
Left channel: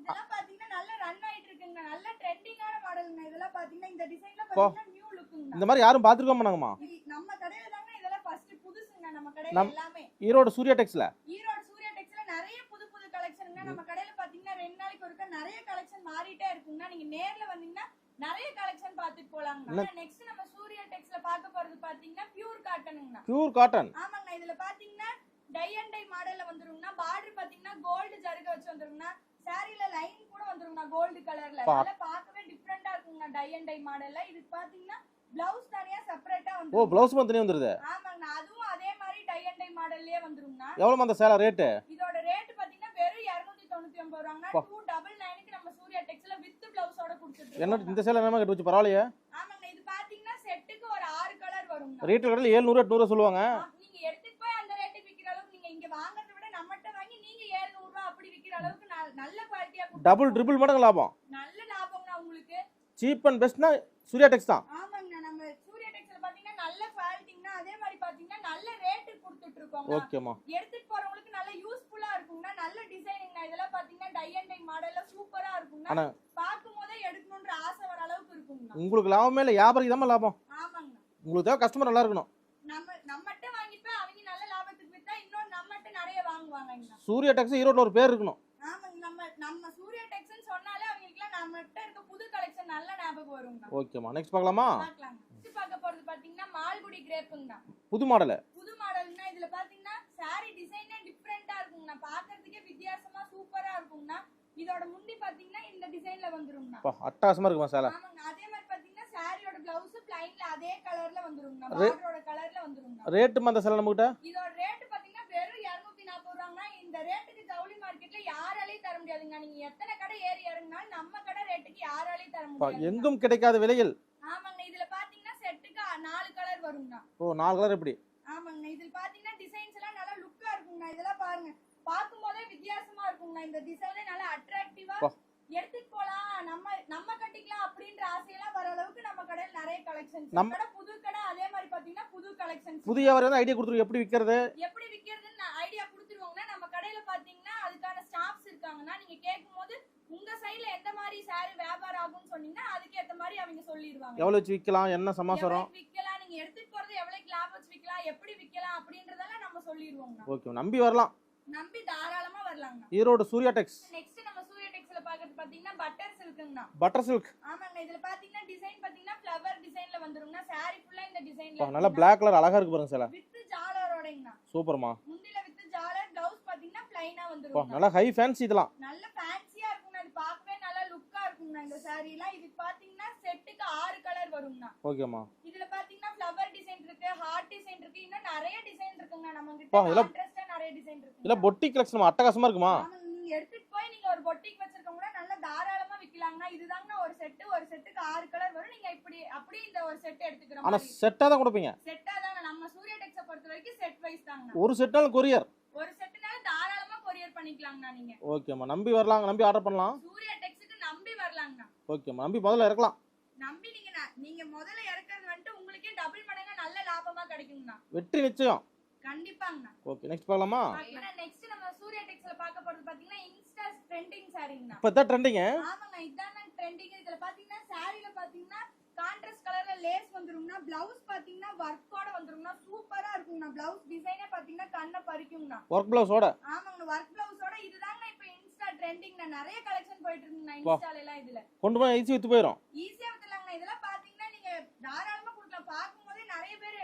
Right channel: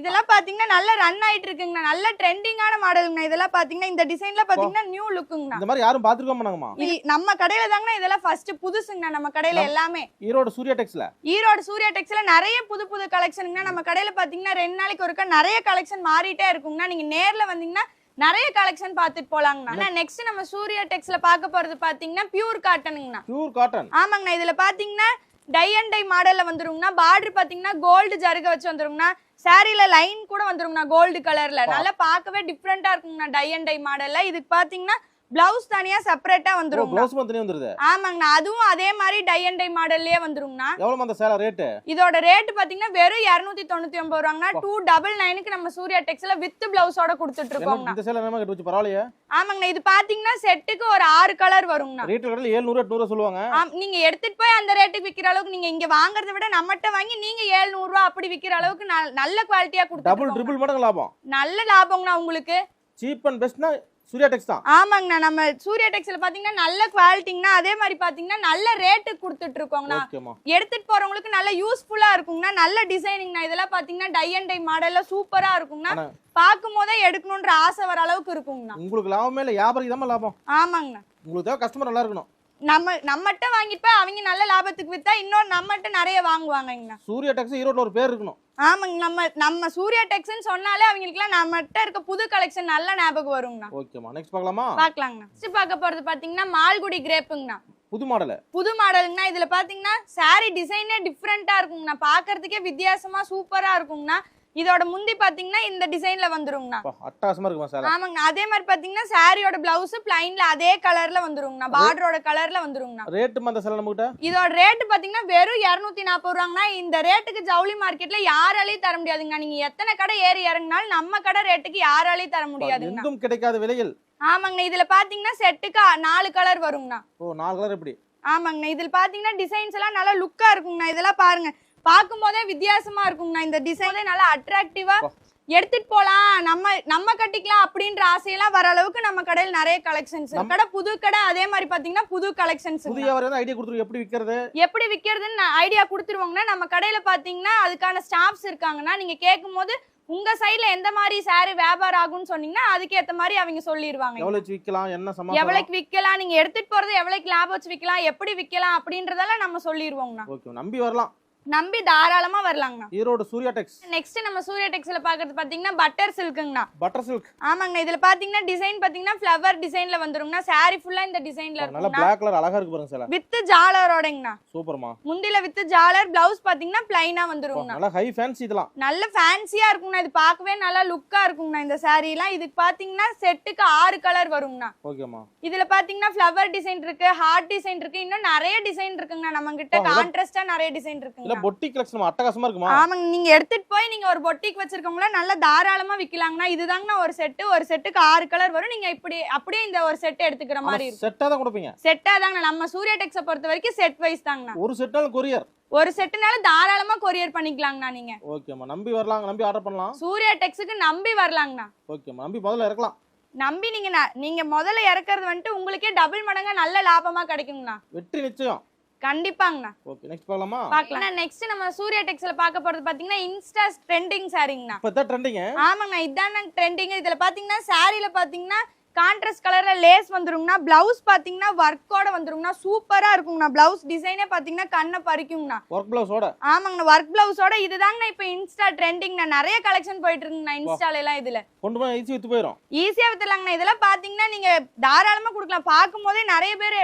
இதெல்லாம் பாத்தீங்கன்னா நல்ல ரன் ஆயிட்டு இருக்குங்கண்ணா நல்ல ட்ரெண்டிங்கான மாடலுங்கண்ணா இதெல்லாம் பாத்தீங்கன்னா இந்த டிசைன்ல பாத்தீங்கன்னா நியூ லுக்குங்கண்ணா இந்த மாதிரி யாரும் பார்த்துருக்க மாட்டாங்கம்மா. நம்ம கடையில தாங்கண்ணா இதெல்லாம் ஃபர்ஸ்ட் புதுசுங்கண்ணா. நம்ம கடையில எல்லாமே. ஈரோடு சூர்யா டெக்ஸ்ல. ஈரோடு சூர்யா டெக்ஸ்ல நிறைய புது புது கலெக்ஷனுங்கண்ணா நம்ம கடையில பாத்தீங்கன்னா ரெண்டு நாளைக்கு ஒருக்கா நிறைய கலெக்ஷன் மாறிட்டே இருக்குங்கண்ணா. நீங்க நேர்ல வந்தீங்கன்னா நிறைய கலெக்ஷன் பார்த்துட்டு போலாங்கண்ணா. நெக்ஸ்ட் நம்ம சூர்யா டெக்ஸ்ல பார்க்க போறது பாத்தீங்கன்னா பியூர் காட்டனுங்கண்ணா பியூர் காட்டன் ஆமாங்கண்ணா. இதுல பாத்தீங்கன்னா டை அண்ட் டை மாடல்ல வந்துருங்கண்ணா. பார்டர் பாத்தீங்கன்னா கோல்டு ஜருக வச்சு வந்துருங்கண்ணா. சாரில லைன் கூட வந்துருங்கண்ணா கோல்டு கலர்ல. நல்லா பார்க்கவே டிஃப்ரெண்டா இருக்குங்கண்ணா டை அண்ட் டை மாடல்ல இதுக்கு பாத்தீங்கன்னா பிளவுஸ் தனியா செப்பரேட்டா வந்துரும் ப்ளவுஸ் மட்டும் வந்துருது? ஆமாங்கண்ணா. அதுவும் அதே மாதிரி டை அண்ட் டை மாடல்லயே வந்துருங்கண்ணா எவ்வளோமா அந்த சேலை ரேட்டு இதோட ரேட் பாத்தீங்கன்னா வெறும் இருநூத்தி தொண்ணூத்தி ஒன்பது ரூபாங்கண்ணா. பா. டூ டபுள் நைனுக்கு நம்ம சூர்யா டெக்ஸ்ல வித் பிளவுஸோட கொடுத்துட்டு இருக்கோங்கண்ணா இந்த சேலை என்ன கட்டு வச்சு பரவாயில்லையே? ஆமாங்கண்ணா. இது பாத்தீங்கன்னா செட்டுக்கு ஒரு ஆறு கலர் வருங்கண்ணா. ரேட்டு கடையில் ஏழ்நூறு எட்நூறு சொல்லுவாங்க. ஆம், நீங்க எடுத்துட்டு போய் அந்த ரேட்டுக்கு விக்கிற அளவுக்கு நீங்க இங்க வாங்குறத விட நம்மகிட்ட வாங்கி நீங்க 700 ரூபாய் அப்படி விக்கிற அளவுக்கு நல்- நல்ல குவாலிட்டியா டபுள் கொடுத்து ட்ரிபிள் மடங்கு லாபம். நல்ல லாபங்கண்ணா உங்களுக்கு. சீப் அண்ட் பெஸ்ட்னா சூர்யா டெக்ஸ் தான்? ஆமாங்கண்ணா நம்ம சூர்யா டெக்ஸ்ல பாத்தீங்கன்னா நல்ல குவாலிட்டிங்கண்ணா அதே மாதிரி பாத்தீங்கன்னா நல்ல ரேட்டுக்கு கொடுத்துட்டு இருக்கோங்கண்ணா. ஓகேம்மா எடுத்துட்டு போறவங்களுக்கு நல்ல யூஸ்ஃபுல்லா இருக்குங்கண்ணா நல்ல டிசைனிங்ண்ணா இதெல்லாம் பாத்தீங்கன்னா டை அண்ட் டை மாடல்ல சூப்பரா இருக்குங்கண்ணா. பார்க்கும் போதே எடுக்கணுன்ற ஆசை வர அளவுக்கு இருக்குங்கண்ணா. உங்களுக்கு லாபமே இல்லை வியாபாரிக்கு தான் லாபம். ஆமாங்கண்ணா. உங்களுக்கு தேவை கஸ்டமர் நல்லா இருக்கணும். நம்ம நம்மகிட்ட வாங்கிட்டு போய் அவங்க நல்ல லாபத்துக்கு வித்தா இன்னொரு நம்மகிட்ட நிறைய வாங்குவாங்கங்கண்ணா. சூர்யா டெக்ஸ் ஈரோட்டில் ஒரு பேர் இருக்கணும். ஆமாங்க நம்ம நம்ம சூர்யா டெக்ஸ்ன்னு சொன்னாலே அவங்களுக்குலாம் நம்மகிட்ட இருக்க புது கலெக்ஷன் நல்ல ஞாபகம் வருங்கண்ணா. ஓகேம்மா நெக்ஸ்ட் பார்க்கலாமா? பார்க்கலாங்கண்ணா. நெக்ஸ்ட் பார்க்க போறது பாத்தீங்கன்னா மால்குடி கிரேப்புங்கண்ணா. புது மாடலு. புது மாடலுங்கண்ணா. இதுல பாத்தீங்கன்னா saree டிசைனே டிஃப்ரெண்டா இருக்குங்கண்ணா. பார்க்கிறதுக்கே வித்தியாசமா சூப்பரா இருக்குங்கண்ணா. இதோட முந்தி பாத்தீங்கன்னா இந்த டிசைன்ல வந்துருங்கண்ணா. அப்பா, அட்டகாசமா இருக்குமா சேலை? ஆமாங்க அதே மாதிரி பாத்தீங்கன்னா சாரியோட பிளவுஸ் பிளைன்ல அதே கலர்ல வந்துருங்கண்ணா. பார்டரோட கலர்ல வந்துருங்கண்ணா. ரேட்டுமா அந்த சேலை நம்மகிட்ட? இதோட ரேட் பாத்தீங்கன்னா வெறும் இருநூத்தி நாற்பது ரூபாங்கண்ணா. இந்த ரேட்டுக்கு ஜவுளி மார்க்கெட்ல யாராலையும் தர முடியாதுங்க நீங்க எத்தனை கடை ஏறி இறங்கினாலும் நம்ம கடை ரேட்டுக்கு யாராலையும் தர முடியாதுங்க எங்கும் கிடைக்காத விலையில். ஆமாங்கண்ணா. இதுல பாத்தீங்கன்னா செட்டுக்கு நாலு கலர் வருங்கண்ணா. ஓ நாலு கலர் எப்படி? ஆமாங்கண்ணா. இதுல பாத்தீங்கன்னா டிசைன்ஸ் எல்லாம் நல்லா லுக்கா இருக்குங்கண்ணா. இதெல்லாம் பாருங்க. பார்க்கும் போதே வித்தியாசமா இருக்குங்கண்ணா இந்த டிசைனே நல்லா அட்ராக்டிவா. எடுத்துட்டு போலாம். நம்ம நம்ம கட்டிக்கலாம் அப்படின்ற ஆசையெல்லாம் வர அளவுக்கு நம்ம கடையில் நிறைய கலெக்ஷன்ஸ் கடை புது கடை அதே மாதிரி பாத்தீங்கன்னா புது கலெக்ஷன்ஸ் புதிய ஐடியா கொடுத்துருக்கு எப்படி விற்கிறது எப்படி விக்கிறதுன்னு ஐடியா கொடுத்துருவாங்கன்னா நம்ம கடையில பாத்தீங்கன்னா அதுக்கான ஸ்டாஃப்ஸ் இருக்காங்கன்னா நீங்க கேட்கும் போது உங்க சைடுல எந்த மாதிரி saree வியாபாரம் ஆகும்னு சொன்னீங்கன்னா அதுக்கு ஏத்த மாதிரி அவங்க சொல்லிடுவாங்க எவ்வளவு விற்கலாம் என்ன சமாச்சாரம்? எவ்வளவுக்கு விக்கலாம்? நீங்க எடுத்துட்டு போறது எவ்வளவுக்கு லாபம் வச்சு விக்கலாம்? எப்படி விக்கலாம்? அப்படின்றதெல்லாம் நம்ம ஓகே நம்பி வரலாம். நம்பி தாராளமா வரலாங்கண்ணா ஈரோடு சூர்யா டெக்ஸ். நெக்ஸ்ட் நம்ம சூர்யா டெக்ஸ்ல பாக்குறது பாத்தீங்கன்னா பட்டர் சில்க்குங்கண்ணா பட்டர் சில்க் ஆமாங்கண்ணா இதுல பாத்தீங்கன்னா டிசைன் பாத்தீங்கன்னா ஃபிளவர் டிசைன்ல வந்துருங்கண்ணா saree ஃபுல்லா இந்த டிசைன்ல நல்லா பிளாக் கலர் அழகா இருக்கு பாருங்க சில. வித் ஜாலரோடங்கண்ணா சூப்பர்மா. முந்தில வித் ஜாலர் பிளவுஸ் பாத்தீங்கன்னா பிளைனா வந்துருங்கண்ணா நல்லா ஹை ஃபேன்சி இதெல்லாம். நல்ல ஃபேன்சியா இருக்குங்கண்ணா இது பார்க்கவே நல்லா லுக்கா இருக்குங்கண்ணா இந்த saree எல்லாம் இதுக்கு பாத்தீங்கன்னா செட்டுக்கு ஆறு கலர் வருங்கண்ணா ஓகேமா இதுல பாத்தீங்கன்னா ஃபிளவர் டிசைன் இருக்கு ஹார்ட் டிசைன் இருக்கு. இன்னும் நிறைய டிசைன் இருக்குங்கண்ணா. நம்ம கிட்ட கான்ட்ராஸ்டா நிறைய டிசைன் இல்ல இருக்குங்க பொட்டி கலெக்ஷன் அட்டகாசமா இருக்குமா? ஆமாங்க நீங்க எடுத்துட்டு போய் நீங்க ஒரு பொட்டிக் வச்சிருக்கவங்கள நல்லா தாராளமா விக்கலாங்கண்ணா. இதுதாங்கண்ணா ஒரு செட்டு ஒரு செட்டுக்கு ஆறு கலர் வரும். நீங்க இப்படி அப்படியே இந்த ஒரு செட் எடுத்துக்கிற மாதிரி செட்டா தான் கொடுப்பீங்க. செட்டா தாங்கண்ணா. நம்ம சூர்யா டெக்ஸ பொறுத்த வரைக்கும் செட் வைஸ் தாங்கண்ணா. ஒரு செட்டாலும் கொரியர் ஒரு செட்டுனால தாராளமா கொரியர் பண்ணிக்கலாங்கண்ணா நீங்க. ஓகேம்மா நம்பி வரலாம் நம்பி ஆர்டர் பண்ணலாம். சூர்யா டெக்ஸுக்கு நம்பி வரலாங்கண்ணா. ஓகேம்மா நம்பி முதல்ல இறக்கலாம். நம்பி நீங்க நீங்க முதல்ல இறக்குறது வந்துட்டு உங்களுக்கே டபுள் மடங்கா நல்ல லாபமா கிடைக்குங்கண்ணா. வெற்றி நிச்சயம். கண்டிப்பாங்கண்ணா ஓகே நெக்ஸ்ட் பார்க்கலாமா? பார்க்கலாம். நெக்ஸ்ட் நம்ம சூர்யா டெக்ஸ்ல பார்க்க போறது பாத்தீங்கன்னா இன்ஸ்டா ட்ரெண்டிங் சாரிங்கண்ணா. இப்போ தான் ட்ரெண்டிங்க ஆமாங்கண்ணா இதான ட்ரெண்டிங் இதுல பாத்தீங்கன்னா சாரில பாத்தீங்கன்னா கான்ட்ராஸ்ட் கலர்ல லேஸ் வந்துருங்கண்ணா பிளவுஸ் பாத்தீங்கன்னா ஒர்க்கோட வந்துருங்கண்ணா சூப்பரா இருக்குங்கண்ணா. பிளவுஸ் டிசைனே பாத்தீங்கன்னா கண்ணை பறிக்குங்கண்ணா. ஒர்க் பிளவுஸோட ஆமாங்கண்ணா ஒர்க் பிளவுஸோட இதுதாங்கண்ணா இப்போ இன்ஸ்டா ட்ரெண்டிங்ண்ணா நிறைய கலெக்ஷன் போயிட்டு இருக்குங்கண்ணா இன்ஸ்டால எல்லாம் இதுல. கொண்டு போய் ஈஸி வித்து போயிடும் ஈஸியா வித்துலாங்கண்ணா இதெல்லாம் பாத்தீங்கன்னா நீங்க தாராளமா கொடுக்கலாம். பார்க்கும் போதே நிறைய பேர்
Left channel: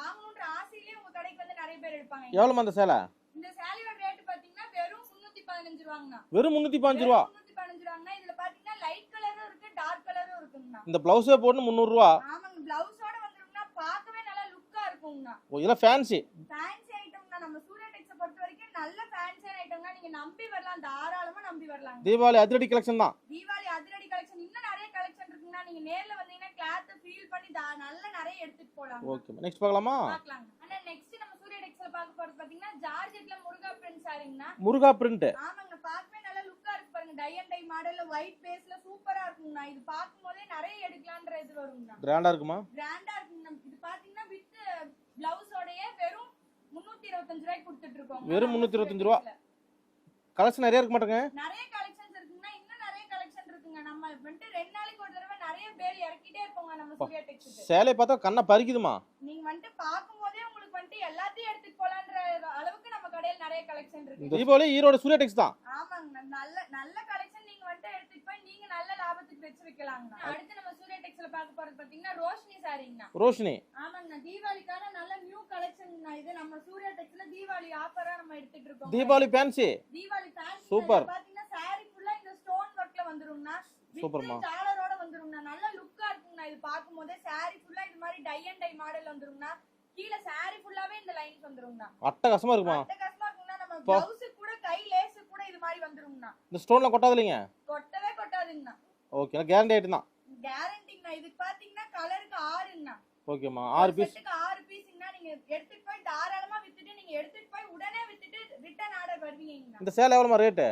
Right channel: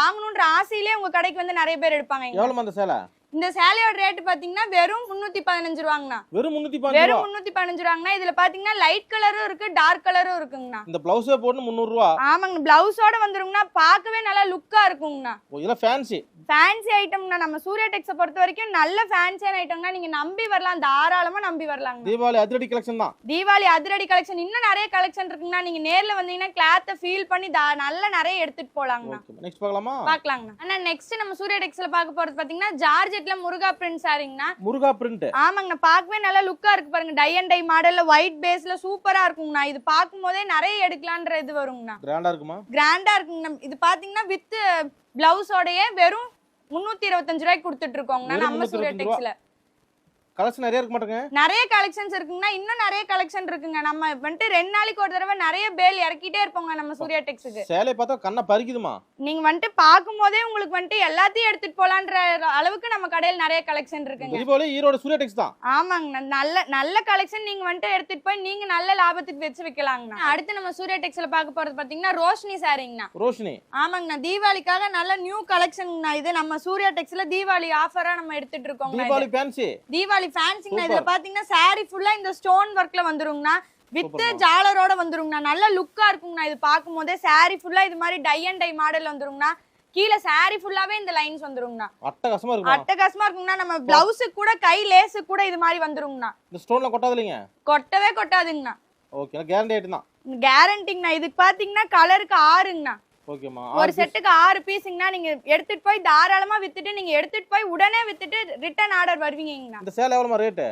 வாங்கணுன்ற ஆசையிலே உங்க கடைக்கு வந்து நிறைய பேர் எடுப்பாங்க. இங்க. எவ்வளோமா அந்த சேலை? இந்த சேலையோட ரேட் பாத்தீங்கன்னா வெறும் முன்னூத்தி பதினஞ்சு ரூபாங்கண்ணா. வெறும் முந்நூற்றி பாஞ்சு ரூபா? வெறும் முன்னூத்தி பதினஞ்சு ரூபாங்கண்ணா. இதுல பாத்தீங்கன்னா லைட் கலரும் இருக்கு டார்க் கலரும் இருக்குங்கண்ணா. இந்த பிளவுஸே போட்டு முந்நூறுரூவா ஆமாங்க பிளவுஸோட வந்துருங்கண்ணா பார்க்கவே நல்லா லுக்கா இருக்குங்கண்ணா. இதெல்லாம் ஃபேன்சி ஃபேன்சி ஐட்டம்னா நம்ம சூர்யா டெக்ஸை பொறுத்த வரைக்கும் நல்ல ஃபேன்சியான ஐட்டம்னா நீங்க நம்பி வரலாம். தாராளமா நம்பி வரலாங்க தீபாவளி அதிரடி கலெக்ஷன் தான். தீபாவளி அதிரடி கலெக்ஷன் இன்னும் நிறைய கலெக்ஷன் இருக்குங்கண்ணா. நீங்க நேர்ல வந்தீங்கன்னா கிளாத்தை ஃபீல் பண்ணி நல்ல நிறைய எடுத்துட்டு போலாங்கண்ணா. ஓகே நெக்ஸ்ட் பார்க்கலாமா? பாக்கலாங்கண்ணா ஆனா நெக்ஸ்ட் நம்ம சூர்யா டெக்ஸ்ல பார்க்க போறது பாத்தீங்கன்னா ஜார்ஜெட்ல முருகா பிரிண்ட் சாரிங்கண்ணா. முருகா பிரிண்ட் ஆமாங்கண்ணா பார்க்கவே நல்லா லுக்கா இருக்கு பாருங்க. டை அண்ட் டை மாடல்ல ஒயிட் பேஸ்ல சூப்பரா இருக்குங்கண்ணா. இது பார்க்கும் போதே நிறைய எடுக்கலான்ற இது வருங்கண்ணா. கிராண்டா இருக்குமா? கிராண்டா இருக்குங்கண்ணா. இது பாத்தீங்கன்னா வித் பிளவுஸோடய வெறும் முன்னூத்தி இருபத்தஞ்சு ரூபாய்க்கு கொடுத்துட்டு இருக்கோங்கண்ணா. நம்ம சூர்யா 325 ரூபா. டெக்ஸ்ல கலெக்ஷன் நிறைய இருக்க மாட்டேங்க. நிறைய கலெக்ஷன்ஸ் இருக்குங்கண்ணா. இன்னும் நிறைய கலெக்ஷன் இருக்குங்க. நம்ம வந்துட்டு ரெண்டு நாளைக்கு ஒரு தடவை நிறைய பேல் இறக்கிட்டே இருப்போங்க நம்ம சூர்யா டெக்ஸுக்கு. சேலையை பார்த்தா கண்ணை பறிக்குதுமா நீங்க வந்துட்டு பார்க்கும் போதே உங்களுக்கு வந்துட்டு எல்லாத்தையும் எடுத்துட்டு போலான்ற அளவுக்கு நம்ம கடையில் நிறைய கலெக்ஷன் இருக்குங்க. தீபாவளி ஈரோடு சூர்யா டெக்ஸ் தான். ஆமாங்கண்ணா. நல்ல நல்ல கலெக்ஷன் நீங்க வந்துட்டு எடுத்துட்டு போய் நீங்க நல்ல லாபத்துக்கு வச்சு விக்கலாங்கண்ணா. அடுத்து நம்ம சூர்யா டெக்ஸ்ல பார்க்க போறது பாத்தீங்கன்னா ரோஷினி சாரிங்கண்ணா. ரோஷினி. ஆமாங்கண்ணா. தீபாவளிக்காக நல்ல நியூ கலெக்ஷன்ங்கண்ணா இது நம்ம சூர்யா டெக்ஸ்ல தீபாவளி ஆஃபரா நம்ம எடுத்துட்டு இருக்கோம் தீபாவளி ஃபேன்சி தீபாவளி ஃபேன்சிங்கண்ணா Super. இதுல பாத்தீங்கன்னா saree ஃபுல்லா இந்த ஸ்டோன் ஒர்க்ல வந்துருங்கண்ணா. வித். ஜாலரோட வந்துருங்கண்ணா. நல்ல லுக்கா இருக்குங்கண்ணா இது பார்க்கும் போதே saree ஃபுல்லா இது மாதிரி டை அண்ட் டை மாடல் வந்துருங்கண்ணா. கீழே saree ஃபுல்லாவே இந்த லைன்ஸ் வந்துருங்கண்ணா. அட்டகாசமா இருக்குமா? அட்டகாசமா இருக்குங்கண்ணா. நம்ம பிளவுஸுக்கு கூட கை லேஸு கூட இது மாதிரி வந்துருங்கண்ணா. இந்த ஸ்டோன்ல கொட்டாது இல்லைங்க? கொட்டவே கொட்டாதுங்கண்ணா. ஓகே கேரண்டி ஆயிட்டு தான். கேரண்டிங்கண்ணா இதுக்கு பாத்தீங்கன்னா கலருக்கு ஆறுங்கண்ணா. ஓகேம்மா. ஒரு செட்டுக்கு ஆறு பீஸுங்கண்ணா நீங்க எடுத்துட்டு போய் தாராளமா வித்துட்டு நீங்க எடுத்துட்டு போய் உடனே வித்துட்டு ரிட்டர்ன் ஆர்டர் வருவீங்கண்ணா இந்த சேலை எவ்வளோமா ரேட்டு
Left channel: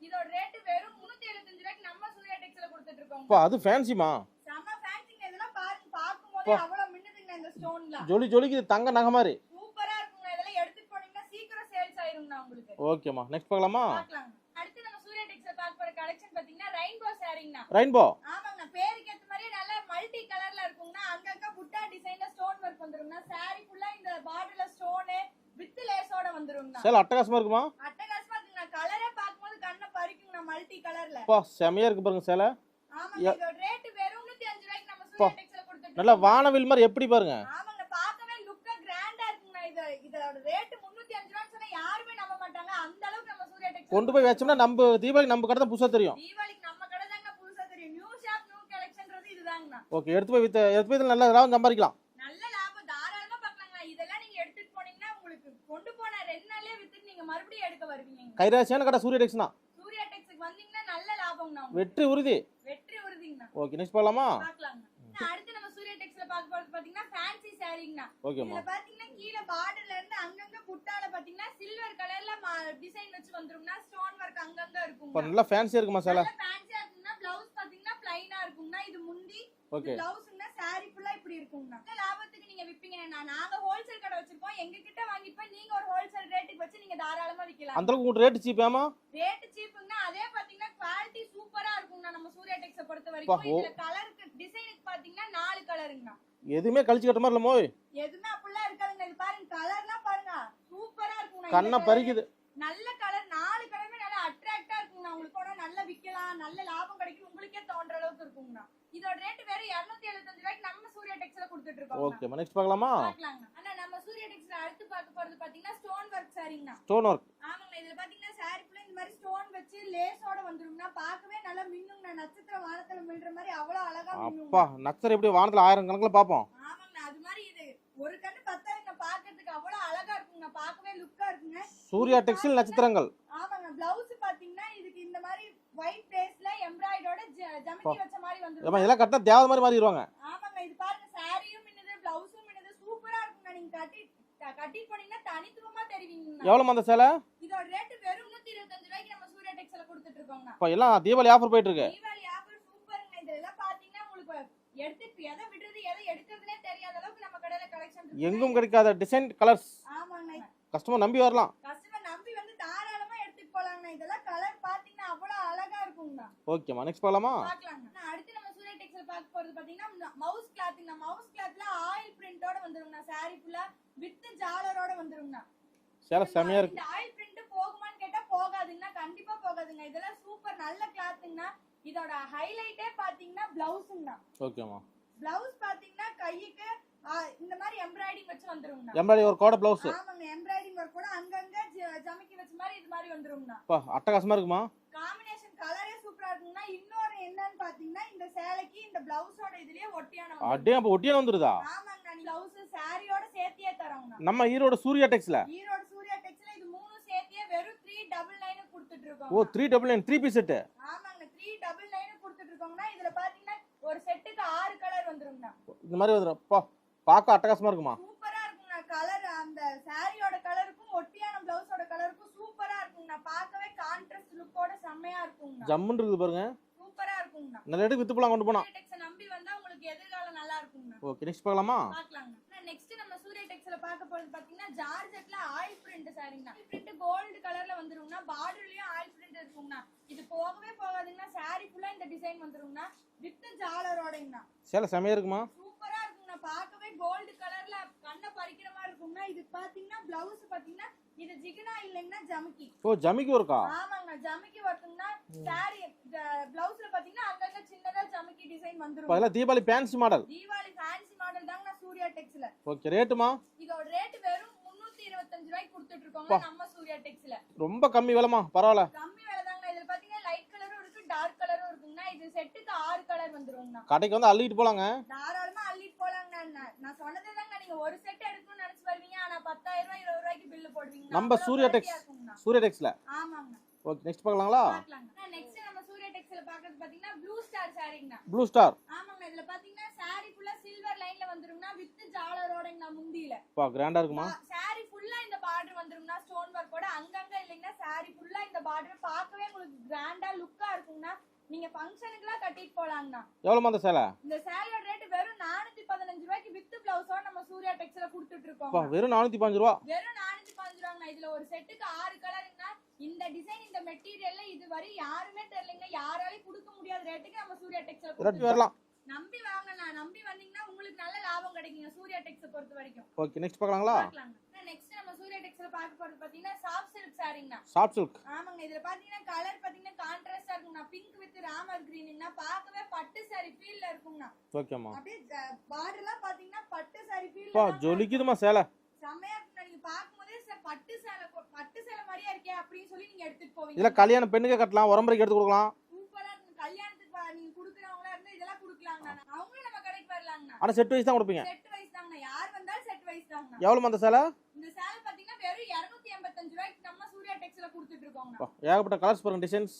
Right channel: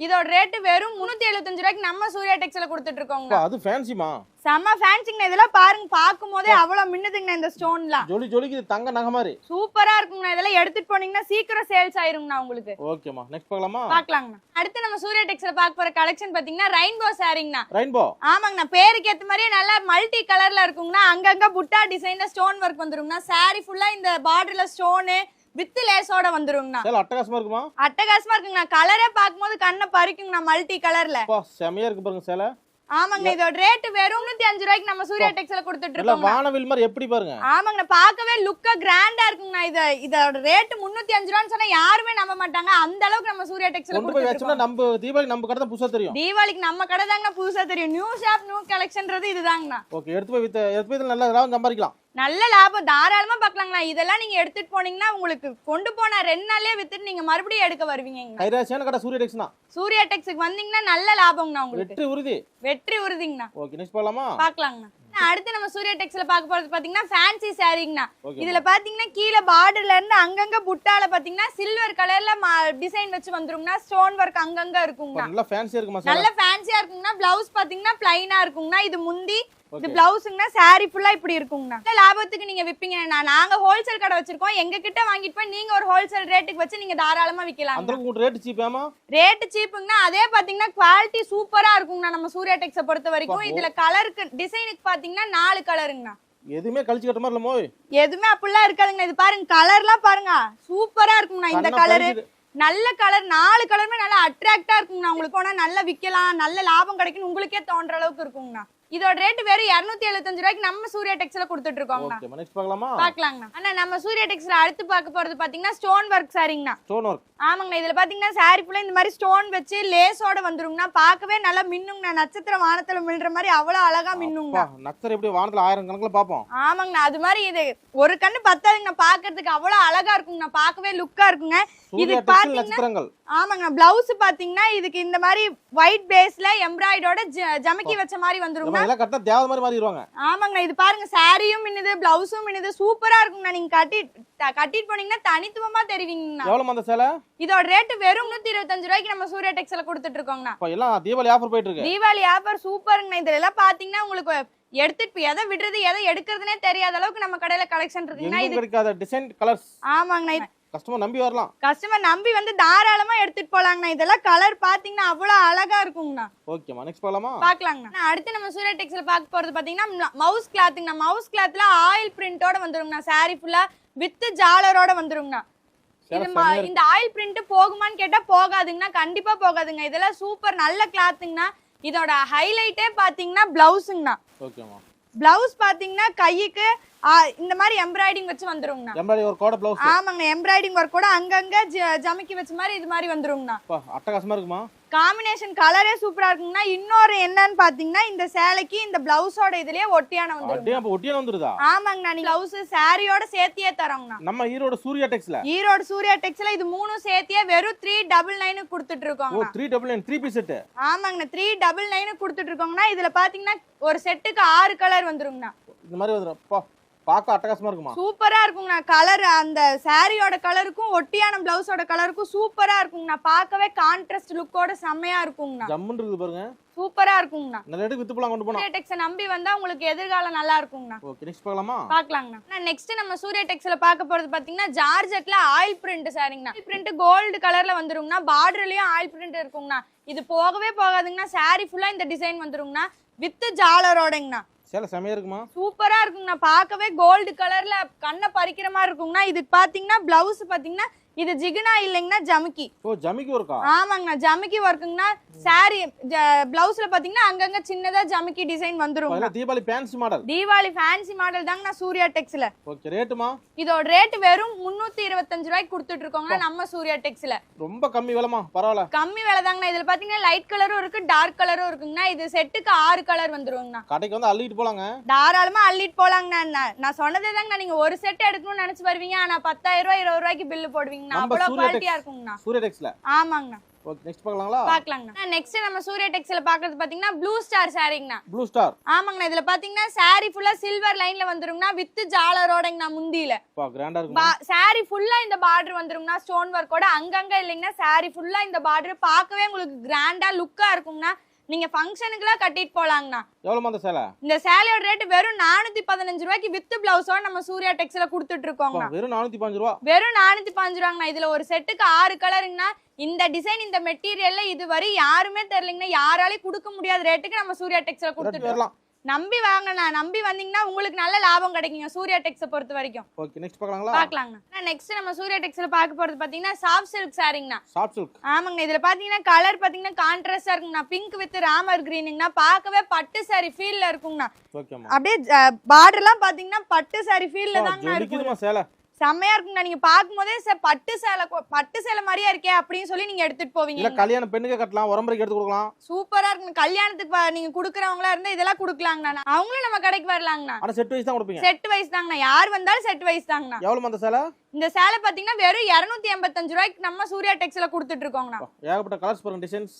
இதோட ரேட்டு வெறும் முன்னூத்தி எழுபத்தஞ்சு ரூபாய்க்கு நம்ம சூர்யா டெக்ஸ்ல கொடுத்துட்டு இருக்கோங்க அப்பா அது ஃபேன்சிமா செம்ம ஃபேன்சிங்கண்ணா இதெல்லாம் பாருங்க பார்க்கும் போதே அவ்வளவு மின்னுதுங்கண்ணா இந்த ஸ்டோன்லாம் ஜொலி ஜொலிக்கு தங்க நகை மாதிரி. சூப்பரா இருக்குங்கண்ணா இதெல்லாம் எடுத்துட்டு போனீங்கன்னா சீக்கிரம் சேல்ஸ் ஆயிருங்கண்ணா உங்களுக்கு. ஓகேம்மா நெக்ஸ்ட் பார்க்கலாமா? பாக்கலாங்கண்ணா அடுத்து நம்ம சூர்யா டெக்ஸ்ல பார்க்க போற கலெக்ஷன் பாத்தீங்கன்னா ரெயின்போ சாரிங்கண்ணா ரெயின்போ ஆமாங்கண்ணா பேருக்கு ஏத்த மாதிரியே நல்லா மல்டி கலர்ல இருக்குங்கண்ணா. அங்கங்க புட்டா டிசைன்ல ஸ்டோன் ஒர்க் வந்துருங்கண்ணா. saree ஃபுல்லா இந்த பார்டர்ல ஸ்டோனு வித் லேஸோட வந்துருங்கண்ணா. சேலை அட்டகாசமா இருக்குமா? அட்டகாசமா இருக்குங்கண்ணா. கலரே பார்க்கும்போது கண்ணை பறிக்குங்கண்ணா மல்டி கலர்ல அப்பா செமையா இருக்கு பாருங்க சேலை. ஆமாங்க இதோட ரேட் வெறும் நூத்தி அஞ்சு ரூபாய்க்கு நம்ம சூர்யா டெக்ஸ்ல கொடுத்துட்டு இருக்கோம் வானவில் மாதிரி எப்படி பாருங்க? ஆமாங்கண்ணா பார்க்கவே லுக்கா கிராண்டா இருக்குங்கண்ணா இது. இதோட ரேட் முன்னூத்தி அஞ்சு ரூபான்னு சொன்னா யாருமே நம்ப மாட்டாங்க. அந்த அளவுக்கு நம்ம சூர்யா டெக்ஸ்ல கொண்டு போய் வச்சோம்னா நம்ம தீபாவளி நம்ம கடை தான் புதுசா தெரியும். தீபாவளிக்கு நம்ம கடை புதுசா தெரியும். நியூ ஷாப் நியூ கலெக்ஷன்றது இதுதாங்கண்ணா. ஓகே எடுத்து போய் வித்து எடுத்து போய் நல்லா லாபம் சம்பாதிக்கலாம். நல்ல லாபம் தாராளமா பார்க்கலாங்கண்ணா இதெல்லாம் நீங்க எடுத்துட்டு போனீங்கன்னா உங்களுக்கு கொண்டு போன ரெண்டு நாளே வித்துட்டு நீங்க மறுபடியும் எடுக்க வருவீங்கண்ணா கைராசியான கடை சூரிய டெக்ஸ் தான் சூர்யா டெக்ஸுக்கு வந்தீங்கன்னா நல்ல லாபம்ண்ணா உங்களுக்கு. வெற்றி உறுதி. வெற்றி உறுதிங்கண்ணா. ஓகே நெக்ஸ்ட் போகலாமா பாக்கலாங்கண்ணா. அடுத்து நம்ம சூர்யா டெக்ஸ்ல பார்க்க போறது பாத்தீங்கன்னா ஃபேன்சி சாரீங்கண்ணா. இதுல பாத்தீங்கன்னா கீழே பார்டர்ல இருந்து அங்கங்க புட்டால பாத்தீங்கன்னா சில்வர் கலர்ல டிசைன் வச்சு வந்துருங்கண்ணா. ஸ்டோன் ஒர்க் அங்கங்க இப்போ இருக்குங்கண்ணா நல்லா ஃபேன்சியா இருக்குமா நல்ல ஃபேன்சியா இருக்குங்கண்ணா. பிளவுஸ் பாத்தீங்கன்னா பிளைனா இருக்குங்கண்ணா. இது முந்தி இது பிளவுஸுங்கண்ணா சாரி ஃபுல்லா இப்படி இருக்குங்கண்ணா. லாபத்துக்கு நீங்க விப்பீங்கண்ணா. நாங்க ஹோல்சேல் கடை வச்சிருக்கோம். எங்க கிட்ட வாங்கிட்டு போய் நீங்க ஒரு ஹோல்சேல் ரேட்டுக்கு வச்சு நீங்க தாராளமா விக்கலாம் அந்த அளவுக்கு ரேட் சீப்பாமா ரேட் சீப்புங்கண்ணா அதே பாத்தீங்கன்னா குவாலிட்டி சூப்பரா இருக்குங்கண்ணா நம்ம சூர்யா டெக்ஸ பொறுத்த வரைக்கும். இதுல கலருக்கு டிசைனுக்கு பாத்தீங்கன்னா நாலு கலருங்கண்ணா எதுவுமே கழிச்சு கட்ட மாதிரி இல்ல மோய் எதுவுமே அப்படிலாம் இருக்காதுங்க இது பாருங்க கலர்லாம் பாருங்க. சூப்பரா இருக்குங்கண்ணா இந்த கலரு நல்ல கலர் நாலு கலருமே நல்லா அட்ராக்டா இருக்குங்கண்ணா. உங்களுக்கு வேணா நல்லா விக்கலாம் நல்ல லாபம் கிடைக்கும் உங்களுக்கே தோன்ற அளவுக்கு இருக்குங்கண்ணா. இதோட ரேட் வெறும் 275 எழுபத்தஞ்சு ரூபாய்க்கு நம்ம சூர்யா டெக்ஸ்ல கொடுத்துட்டு இருக்கோங்கண்ணா ஓகே நெக்ஸ்ட் பார்க்கலாமா? பாக்கலாங்கண்ணா அண்ணா நம்ம சூர்யா டெக்ஸ்ல அடுத்து பார்க்க போறது பாத்தீங்கன்னா ஸ்டோன் ஒர்க் சாரிங்கண்ணா ஸ்டோன் ஒர்க் ஆமாங்கண்ணா இதுல பாத்தீங்கன்னா சாரி ஃபுல்லா இந்த மாதிரி ஸ்டோன் வச்சு லேஸோட வந்துருங்கண்ணா. பார்க்கவே நல்லா மின்னுங்கண்ணா. நட்சத்திரம் வானத்துல மில்ற மாதிரி அவ்வளவு அழகா மின்னுங்கண்ணா. நக்சர் எப்படி வானத்துல ஆயிரம் கணக்குல பாப்போம் ஆமாங்கண்ணா அது மாதிரி இது ஒரு கண்ணு பத்தாதுங்கண்ணா. பாக்குறதுக்கு அவ்வளவு அழகா இருக்குங்கண்ணா. பார்க்கவே லுக்கா இருக்குங்க. சூர்யா டெக்ஸ்டைல் நட்சத்திரங்கள். ஆமாங்கண்ணா பிளவுஸ் பாத்தீங்கன்னா இதுக்கு இந்த மாதிரி ஒயிட் பேஸ்ல எம்ப்ராய்டோட ஜமக்கி வச்ச மாதிரி நம்ம வந்துருங்க இதெல்லாம் கட்டினா தேவை மாதிரி மாறிடுவாங்க. ஆமாங்கண்ணா இது பாருங்க சாரியும் மின்னுது பிளவுஸும் மின்னுது சூப்பரா இருக்குங்கண்ணா. நீங்க கட்டி கட்டிட்டு போனீங்கன்னா தனித்துவமா தெரிவிங்கண்ணா. எவ்வளவு அந்த சேலை? இதோட ரேட் வெறும் நூத்தி இருபத்தஞ்சு ரூபாய்க்கு நம்ம சூர்யா டெக்ஸ்ல கொடுத்துட்டு இருக்கோங்கண்ணா இப்போ எல்லாம் தீபாவளி ஆஃபர் போயிட்டு இருக்கு தீபாவளி ஆஃபர் சூப்பருங்கண்ணா இதுல எல்லாம் பாத்தீங்கன்னா உங்களுக்கு எடுத்துட்டு எதை விடுறது எதை எடுக்கிறதுனே தெரியாத அளவுக்கு நம்ம கடையில கலெக்ஷன் இருக்குங்கண்ணா கிடைக்காத டிசைன் கலர்ஸ் ஆமாங்கண்ணா. கஸ்டமர் நம்பி வரலாம். கஸ்டமர் நம்பி வந்து தாராளமா எடுத்துட்டு போலாங்கண்ணா. இதெல்லாம் கலர் பாத்தீங்கன்னா அவ்வளவு அழகா இருக்குங்கண்ணா. ஓகேம்மா நெக்ஸ்ட் பார்க்கலாமா? பாக்கலாங்கண்ணா அடுத்து நம்ம சூர்யா டெக்ஸ்ல பார்க்க போறது பாத்தீங்கன்னா மவுஸ் கிளாத்துங்கண்ணா மவுஸ் கிளாத்ல ஆயில் பிரிண்டோட வந்துருங்கண்ணா. சாரி ஃபுல்லா வித் ஜாலரோட வந்துருங்கண்ணா. இந்த ஆயில் பிரிண்ட் போகுமான்னு கேட்டா போகாதுங்கண்ணா. கண்டிப்பா போகாதுங்க. இதெல்லாம் சூப்பர் நல்ல கிளாத்துங்கண்ணா இதோட ஹைலைட்டே பாத்தீங்கன்னா பிளவுஸுங்கண்ணா ஓகேம்மா பிளவுஸ் பாத்தீங்கன்னா கைக்கு இந்த மாதிரி எம்ப்ராய்டிங் வச்சு வந்துருங்கண்ணா. எம்ப்ராய்டரி ஒரு கோட பிளவுஸ் ஆமாங்க எம்ப்ராய்டிங் ஒர்க் கூட அங்கங்க ஜமிக்கி வச்ச மாதிரி இது மாதிரி வந்துருங்கண்ணா. அட்டகாசமா இருக்குமா? காம்பினேஷன் கலரே சூப்பரா இருக்குங்கண்ணா இன்னொரு என்னன்னு பாத்தீங்கன்னா இந்த சேலைக்கு இந்த பிளவுஸோட இதுலயே ஒட்டியான வந்து அப்போ ஒட்டியான வந்துருதா? ஆமாங்கண்ணா நீங்க பிளவுஸ் சாரியோட சேர்த்தியே தரோங்கண்ணா. நம்ம ஈரோடு சூர்யா டெக்ஸ்ல ஈரோடு சூர்யா டெக்ஸ்ல இது மூணும் சேர்த்தியே வெறும் த்ரீ டபுள் நைனு கொடுத்துட்டு ஓ இருக்கோம் three double nine three piece set ஆமாங்கண்ணா த்ரீ டபுள் நைனு கொடுத்துட்டு இருக்கோங்கண்ணா இதுல பாத்தீங்கன்னா ஒரு செட்டுக்கு ஆறு கலர் வந்துருங்கண்ணா. இந்த மாதிரி வந்துடும் பார்க்க அட்டகாசமா இருக்குமா? சூப்பரா இருக்குங்கண்ணா. கலர் அந்த சாரியோட கலருக்கும் ஒட்டியான பிளவுஸோட கலருக்கும் சூப்பரா இருக்குங்கண்ணா. பார்க்கவே கான்ட்ராஸ்ட் லுக்கோட செம்மையா இருக்குங்கண்ணா. ஜம்முன்னு இருக்குது பாருங்க. சூப்பரா இருக்குங்கண்ணா. நல்ல ரேட்டுக்கு வித்து போலாம் கொண்டு போனா சூர்யா டெக்ஸை நம்பி வந்தா உங்களுக்கு எதிர்காலம் நல்லா இருக்குங்கண்ணா. ஓகே நெக்ஸ்ட் பார்க்கலாமா? பாக்கலாங்கண்ணா நெக்ஸ்ட் நம்ம சூர்யா டெக்ஸ்ல பார்க்க போறது பாத்தீங்கன்னா ஜார்ஜெட்ல ஆயில் பிரிண்ட் சாரிங்கண்ணா பிரிண்ட் கோல்டு கலர்ல வந்துருங்கண்ணா. பார்டர்லயும் ஆயில் பிரிண்ட் இருக்குங்கண்ணா. இது போகவே போகாதுங்கண்ணா. சாரி ஃபுல்லா இந்த டிசைன் வந்துருங்கண்ணா. வித் ஜாலரோடங்கண்ணா. சேலை செமையா இருக்குமா? சூப்பரா இருக்குங்கண்ணா. பார்க்கவே கோல்டு கலர்ல கண்ணை பறிக்கிற மாதிரி இருக்குங்கண்ணா. இதுக்கு பாத்தீங்கன்னா பிளவுஸ் பாத்தீங்கன்னா இது ஜிகுனா இல்லைங்கண்ணா ஜமுக்கி. ஓ ஜமிக்கு ஒருக்கா ஆமாங்கண்ணா ஜமுக்கி ஒர்க்குங்கண்ணா சாரி பிளவுஸ்ல பாத்தீங்கன்னா அங்கங்க சின்னதா ஜமுக்கி டிசைன் வந்துரும் அதெல்லாம் Deepavali fancy model Deepavali fancy model தாங்கண்ணா Surya டெக்ஸ்ல ஓகே ரேட்டுமா இதோட ரேட் வெறும் முன்னூத்தி இருபத்தஞ்சு ரூபாய்க்கு கொடுத்துட்டு இருக்கோங்க நம்ம சூர்யா டெக்ஸ்ல ரொம்ப கம்மி விலைமா பரவாயில்ல. கம்மி விலை தாங்கண்ணா. இதுல பாத்தீங்கன்னா லைட் கலரும் இருக்கு டார்க் கலரும் இருக்குங்கண்ணா. இது செட்டுக்கு ஆறு கலர் வந்துருங்கண்ணா கடைக்கு வந்து அள்ளிட்டு போலாங்க. தாராளமா அள்ளிட்டு போலாங்கண்ணா. நான் நான் சொன்னதே தாங்கண்ணா. நீங்க ஒரு செட் எடுக்கணும்னு நினைச்சு வருவீங்க ஆனா பத்தாயிரம் ரூபாய் இருபது ரூபாய்க்கு பில்லு போடுவீங்கண்ணா. நம்ம சூர்யா டெக்ஸ் இருக்குங்கண்ணா. சூர்யா டெக்ஸ்ல ஆமாங்கண்ணா. ஓகே நெக்ஸ்ட் பார்க்கலாங்களா? பாக்கலாங்கண்ணா நெக்ஸ்ட் நம்ம சூர்யா டெக்ஸ்ல பாக்குறது பாத்தீங்கன்னா ப்ளூ ஸ்டார் சாரிங்கண்ணா ப்ளூ ஸ்டார் ஆமாங்கண்ணா இதுல பாத்தீங்கன்னா சாரி ஃபுல்லா சில்வர் லைன்ல வந்துருங்கண்ணா வித் ஜாலரோடங்கண்ணா முந்தியில. பா கிராண்டா இருக்குமா? சாரி ஃபுல்லா இந்த பார்டர் வந்துருங்கண்ணா ஸ்டோன் ஒர்க்கோட அங்கங்க இல்லைங்கன்னா சாரி ஃபுல்லா இந்த பார்டர் பார்க்கவே உங்களுக்கு கிராண்டா லுக்கா இருக்குங்கண்ணா. நீங்க ஃபங்க்ஷனுக்குலாம் கட்டிட்டு போலாங்கண்ணா. எவ்வளோமா அந்த சேலை? இந்த சேலையோட ரேட் வெறும் நானூத்தி பதினஞ்சு ரூபாய்க்கு வித் பிளவுஸோட நம்ம சூர்யா டெக்ஸ்ல கொடுத்துட்டு இருக்கோங்க வெறும் நானூத்தி பாஞ்சு ரூபா? வெறும் நானூத்தி பாஞ்சு ரூபாங்கண்ணா. இதுல ஒரு செட்டுக்கு ஆறு கலருங்கண்ணா இந்த டிசைன் இந்த மெட்டீரியல்ல இதுவரை யாருமே தெரியலங்கண்ணா. யாராலையும் கொடுக்க முடியாத ரேட்டுக்கு நம்ம சூர்யா டெக்ஸ்ல கொடுத்துட்டு வரலாம் நம்பி வாங்கண்ணா. நம்பி வந்தீங்கன்னா உங்களுக்கு நல்ல லாபம் கிடைக்குங்க. சூர்யா டெக்ஸை பொறுத்த வரைக்கும். ஓகே நெக்ஸ்ட் பார்க்கலாங்களா? பாக்கலாங்கண்ணா நெக்ஸ்ட் நம்ம சூர்யா டெக்ஸ்ல பார்க்க போறது பாத்தீங்கன்னா சாஃப்ட் சில்க் சாரிங்கண்ணா. சாஃப்ட் சில்க் ஆமாங்கண்ணா இதுல பாத்தீங்கன்னா கலர் பாத்தீங்கன்னா கான்ட்ராஸ்டா இருக்குங்கண்ணா. பிங்க் வித் ராமர் கிரீனுங்கண்ணா பார்க்கவே பட்டு சாரி ஃபீல்ல இருக்குங்கண்ணா. அப்படியே பார்டர்லாம் பாத்தீங்கன்னா பட்டு சாரி ஃபீல்ல இருக்கும். ஜொலிக்குதுமா சேலை. செம்மையா இருக்குங்கண்ணா நீங்க பாக்கும்போதே சார் பட்டு சேலை பட்டு சேலை மாதிரியா இருக்கே அப்படின்னு சொல்லி நீங்க எடுத்துட்டு இல்ல போவீங்க கல்யாண பெண்ணுக்கே கட்டலாம் உரம்பரைக்கு எடுத்து கொடுக்கலாம். சூப்பரா இருக்குங்க. கல்யாணத்துக்கு நீங்க குடுக்கறவங்களா இருந்தா இதெல்லாம் குடுக்கலாங்கண்ணா. அவங்களும் நம்ம கடைக்கு வரலாங்கண்ணா. ஆனா செட் வைஸ் தான் கொடுப்பீங்க. செட் வைஸ் தாங்கண்ணா. யார் வந்தாலும் செட் வைஸ் தாங்கண்ணா. எவ்வளோமா அந்த சேலை? இந்த சேலை பாத்தீங்கன்னா வெறும் இருநூத்தி எண்பத்தஞ்சு ரூபாய்க்கு நம்ம சூர்யா டெக்ஸ்ல கொடுத்துட்டு இருக்கோங்கண்ணா. ஏகப்பட்ட கலர்ஸ் பாருங்க டிசைன்ஸ்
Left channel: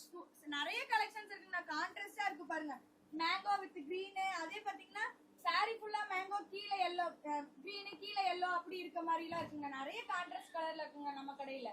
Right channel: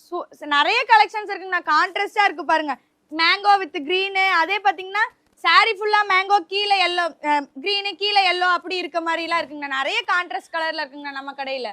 நிறைய கலெக்ஷன்ஸ் இருக்குங்கண்ணா. கான்ட்ராஸ்டா இருக்கு பாருங்க. மேங்கோ வித் green அதே பாத்தீங்கன்னா saree ஃபுல்லா மேங்கோ கீழே எல்லோ கிரீனு கீழே எல்லோ அப்படி இருக்க மாதிரி எல்லாம் இருக்குங்க நிறைய கான்ட்ராஸ்ட் கலர்ல இருக்குங்க நம்ம கடையில.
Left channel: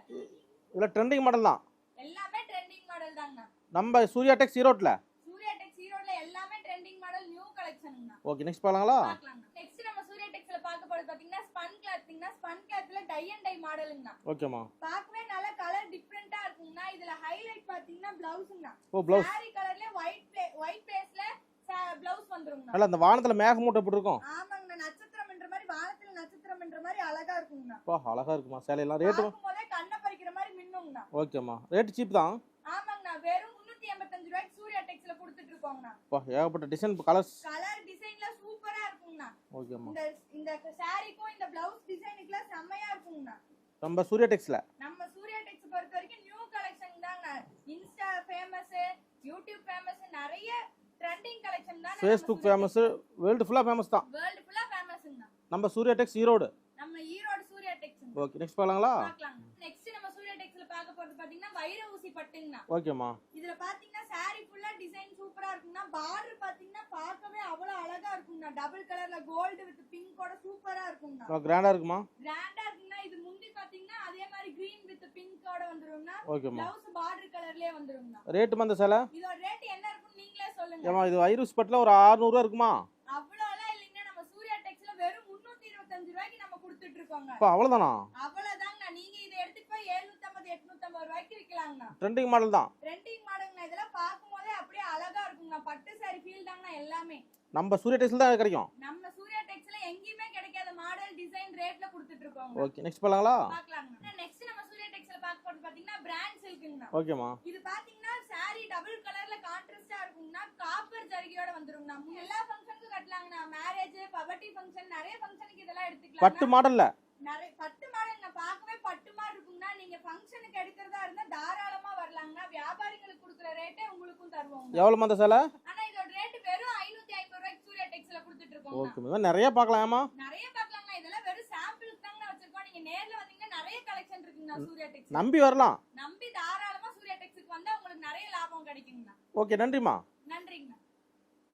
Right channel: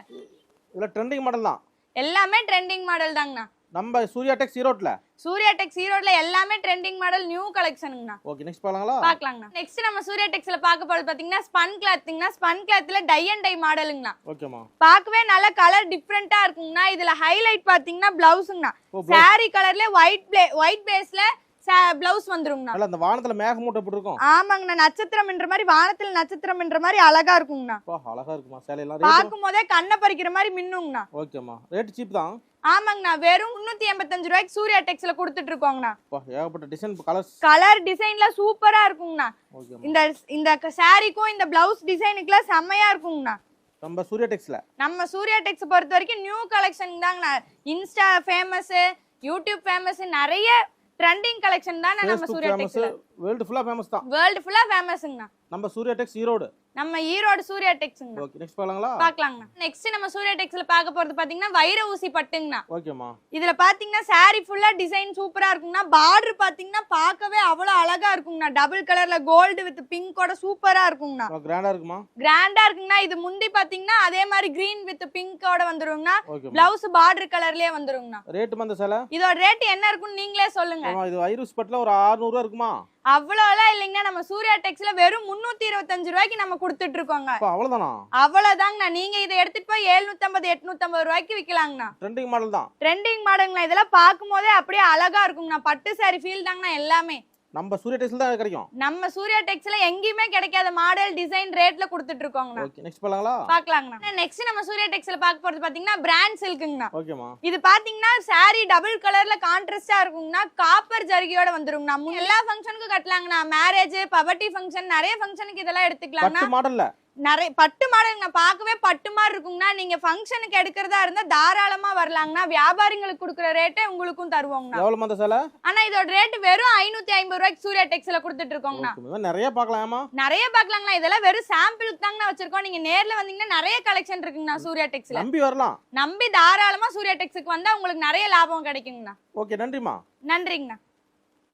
இதில் ட்ரெண்டிங் மாடல் தான். எல்லாமே ட்ரெண்டிங் மாடல் தாங்கண்ணா. நம்ம சூர்யா டெக்ஸ் ஈரோட்டில் சூர்யா டெக்ஸ் ஈரோட்ல எல்லாமே ட்ரெண்டிங் மாடல் நியூ கலெக்ஷனுங்கண்ணா ஓகே நெக்ஸ்ட் பார்க்கலாங்களா? பாக்கலாங்கண்ணா நெக்ஸ்ட் நம்ம சூர்யா டெக்ஸ்ல பார்க்க போறது பாத்தீங்கன்னா ஸ்பன் கிளாத்ங்கண்ணா ஸ்பன் கிளாத்ல டை அண்ட் டை மாடலுங்கண்ணா ஓகேம்மா பார்க்கவே நல்ல கலர் டிஃப்ரெண்டா இருக்குங்கண்ணா. இதுல ஹைலைட் பாத்தீங்கன்னா பிளவுஸுங்கண்ணா saree கலர்ல ஒயிட் ஒயிட் பேஸ்ல பிளவுஸ் வந்துருங்கண்ணா. அந்த வானத்தில் மேகமூட்டை எப்படி இருக்கும்? ஆமாங்கண்ணா நட்சத்திரம் என்ற மாதிரி வானத்துல நட்சத்திரம் என்ற மாதிரி அழகா இருக்குங்கண்ணா. அழகா இருக்குமா? சேலையெல்லாம் பார்க்கும் போதே கண்ணை பறிக்கிற மாதிரி மின்னுங்கண்ணா. ஓகேம்மா. ரேட்டு சீப் தான். ஆமாங்கண்ணா வெறும் முன்னூத்தி எண்பத்தஞ்சு ரூபாய்க்கு சூர்யா டெக்ஸ்ல கொடுத்துட்டு இருக்கோங்கண்ணா. ஏகப்பட்ட டிசைன் கலர்ஸ் கலர் டிசைன்ல சூப்பரா இருக்குங்கண்ணா. இந்த இந்த சாரிக்கும் இந்த பிளவுஸ் டிசைனுக்குலாம் செம்மையா இருக்குங்கண்ணா. நம்ம சூர்யா டெக்ஸில் நம்ம சூர்யா டெக்ஸ் பொறுத்த வரைக்கும் நியூ கலெக்ஷன் தாங்கண்ணா. இன்ஸ்டா ஃபேமஸ் யூடியூப் ஃபேமஸ் நிறைய ட்ரெண்டிங் கலெக்ஷன் தான் நம்ம சூர்யா ஃபேமஸ் வேர்ல்டு ஃபுல்லாக ஃபேமஸ் தான். வேர்ல்டு ஃபுல்லா ஃபேமஸ்ங்கண்ணா நம்ம சூர்யா டெக்ஸ் ஈரோடு. நம்ம ஈரோடு சூர்யா டெக்ஸ்ங்கண்ணா ஓகே நெக்ஸ்ட் பார்க்கலாங்களா? பார்க்கலாங்கண்ணா நெக்ஸ்ட் நம்ம சூர்யா டெக்ஸ்ல பார்க்க போறது பாத்தீங்கன்னா வைர ஊசி பட்டுங்கண்ணா. ஓகேம்மா இதுல பாத்தீங்கன்னா saree ஃபுல்லா டிசைன் சூப்பரா இருக்குங்கண்ணா. பார்டர் பாத்தீங்கன்னா பார்க்கவே அவ்வளவு அழகா இருக்குங்கண்ணா. டபுள் கலர்ல கோல்டு வித் பிங்கோட சூப்பரா இருக்குங்கண்ணா. கிராண்டாக இருக்குமா? கிராண்டா இருக்குங்கண்ணா. இது முந்தி பாத்தீங்கன்னா அதே மாதிரி கிரீன் வித் பிங்கோட வந்துருங்கண்ணா. பிளவுஸ் பார்டர் கலர்லயே வந்துருங்கண்ணா. ரேட்டு அந்த சேலை? இதோட ரேட் என்ன இருக்குன்னு நீங்களே சொல்லுங்க. இது ஐரூஸ் பட்டில் ஒரு 600 ரூபா இருக்குமா? அவ்வளோலாம் இல்லைங்கண்ணா. நம்ம சூர்யா டெக்ஸ்ல வெறும் முன்னூத்தி இருபத்தஞ்சு ரூபாய்க்கு நம்ம கொடுத்துட்டு இருக்கோங்க அப்பா அவ்வளோதானா அவ்வளவுதாங்கண்ணா. நீங்க இதை எடுத்துட்டு போய் 750 850 ரூபாய்க்கு விக்கலாங்கண்ணா. ட்ரெண்டிங் மாடல் தான். ட்ரெண்டிங் மாடல்ங்களா இதெல்லாம் பார்க்கும் போதே அப்படியே அழகா இருக்குங்கண்ணா. பட்டு saree ஃபீல் தாங்கண்ணா எல்லாமே. நம்ம சூர்யா டெக்ஸில் தான் கிடைக்கும். நம்ம சூர்யா டெக்ஸ்ல எங்கேயுமே கிடைக்காத மாடல் டிசைன் ரேட்ல கொடுத்துட்டு இருக்கோங்கண்ணா. ஓகே நெக்ஸ்ட் பார்க்கலாங்களா? பாக்கலாங்கண்ணா நெக்ஸ்ட் நம்ம சூர்யா டெக்ஸ்ல பார்க்க போறது பாத்தீங்கன்னா பிராண்ட் சில்க்குங்கண்ணா ஓகேம்மா இது பாத்தீங்கன்னா saree டபுள் கலர்ல கான்ட்ராஸ்டா இருக்குங்கண்ணா. காப்பர் ஜரிகையோட வந்துருங்கண்ணா. எல்லா ஃபங்க்ஷனுக்கும் கட்டலாங்கண்ணா. மேரேஜ் பபர்ட்டி ஃபங்க்ஷன் நிறைய ஃபங்க்ஷனுக்கு இதெல்லாம் எடுத்துக்கலாம்னா பட்டு மாடல்ல. நிறைய பட்டு மாடலுங்க பார்க்கவே பட்டு மாதிரி இருக்குங்கண்ணா. நீங்க ஃபங்க்ஷனுக்கு எடுக்கிறதா இருந்தா தாராளமா வரலாங்கண்ணா. வியாபாரிங்களுக்கு கொடுக்குற ரேட்டே உங்களுக்கும் தருவோங்கண்ணா. எவ்வளோ அந்த சேலை? ஆனா இதோட ரேட் வெறும் ஐநூத்தி ஐம்பது ரூபாய்க்கு சூர்யா டெக்ஸ்ல கொடுத்துட்டு இருக்கோங்கண்ணா. நிறைய பார்க்கலாமா நிறைய பார்க்கலாங்கண்ணா. இதெல்லாம் வெறும் சாம்பிளுக்கு தாங்கண்ணா வச்சிருக்கோம். நீங்க நேர்ல வந்தீங்கன்னா நிறைய கலெக்ஷன் இருக்குங்கண்ணா சூர்யா டெக்ஸ்ல நம்பி வரலாம். நம்பி தாராளமா சூர்யா டெக்ஸுக்கு வந்தா உங்களுக்கு நிறைய லாபம் கிடைக்குங்கண்ணா. ஓகே நன்றிம்மா. நன்றிங்கண்ணா.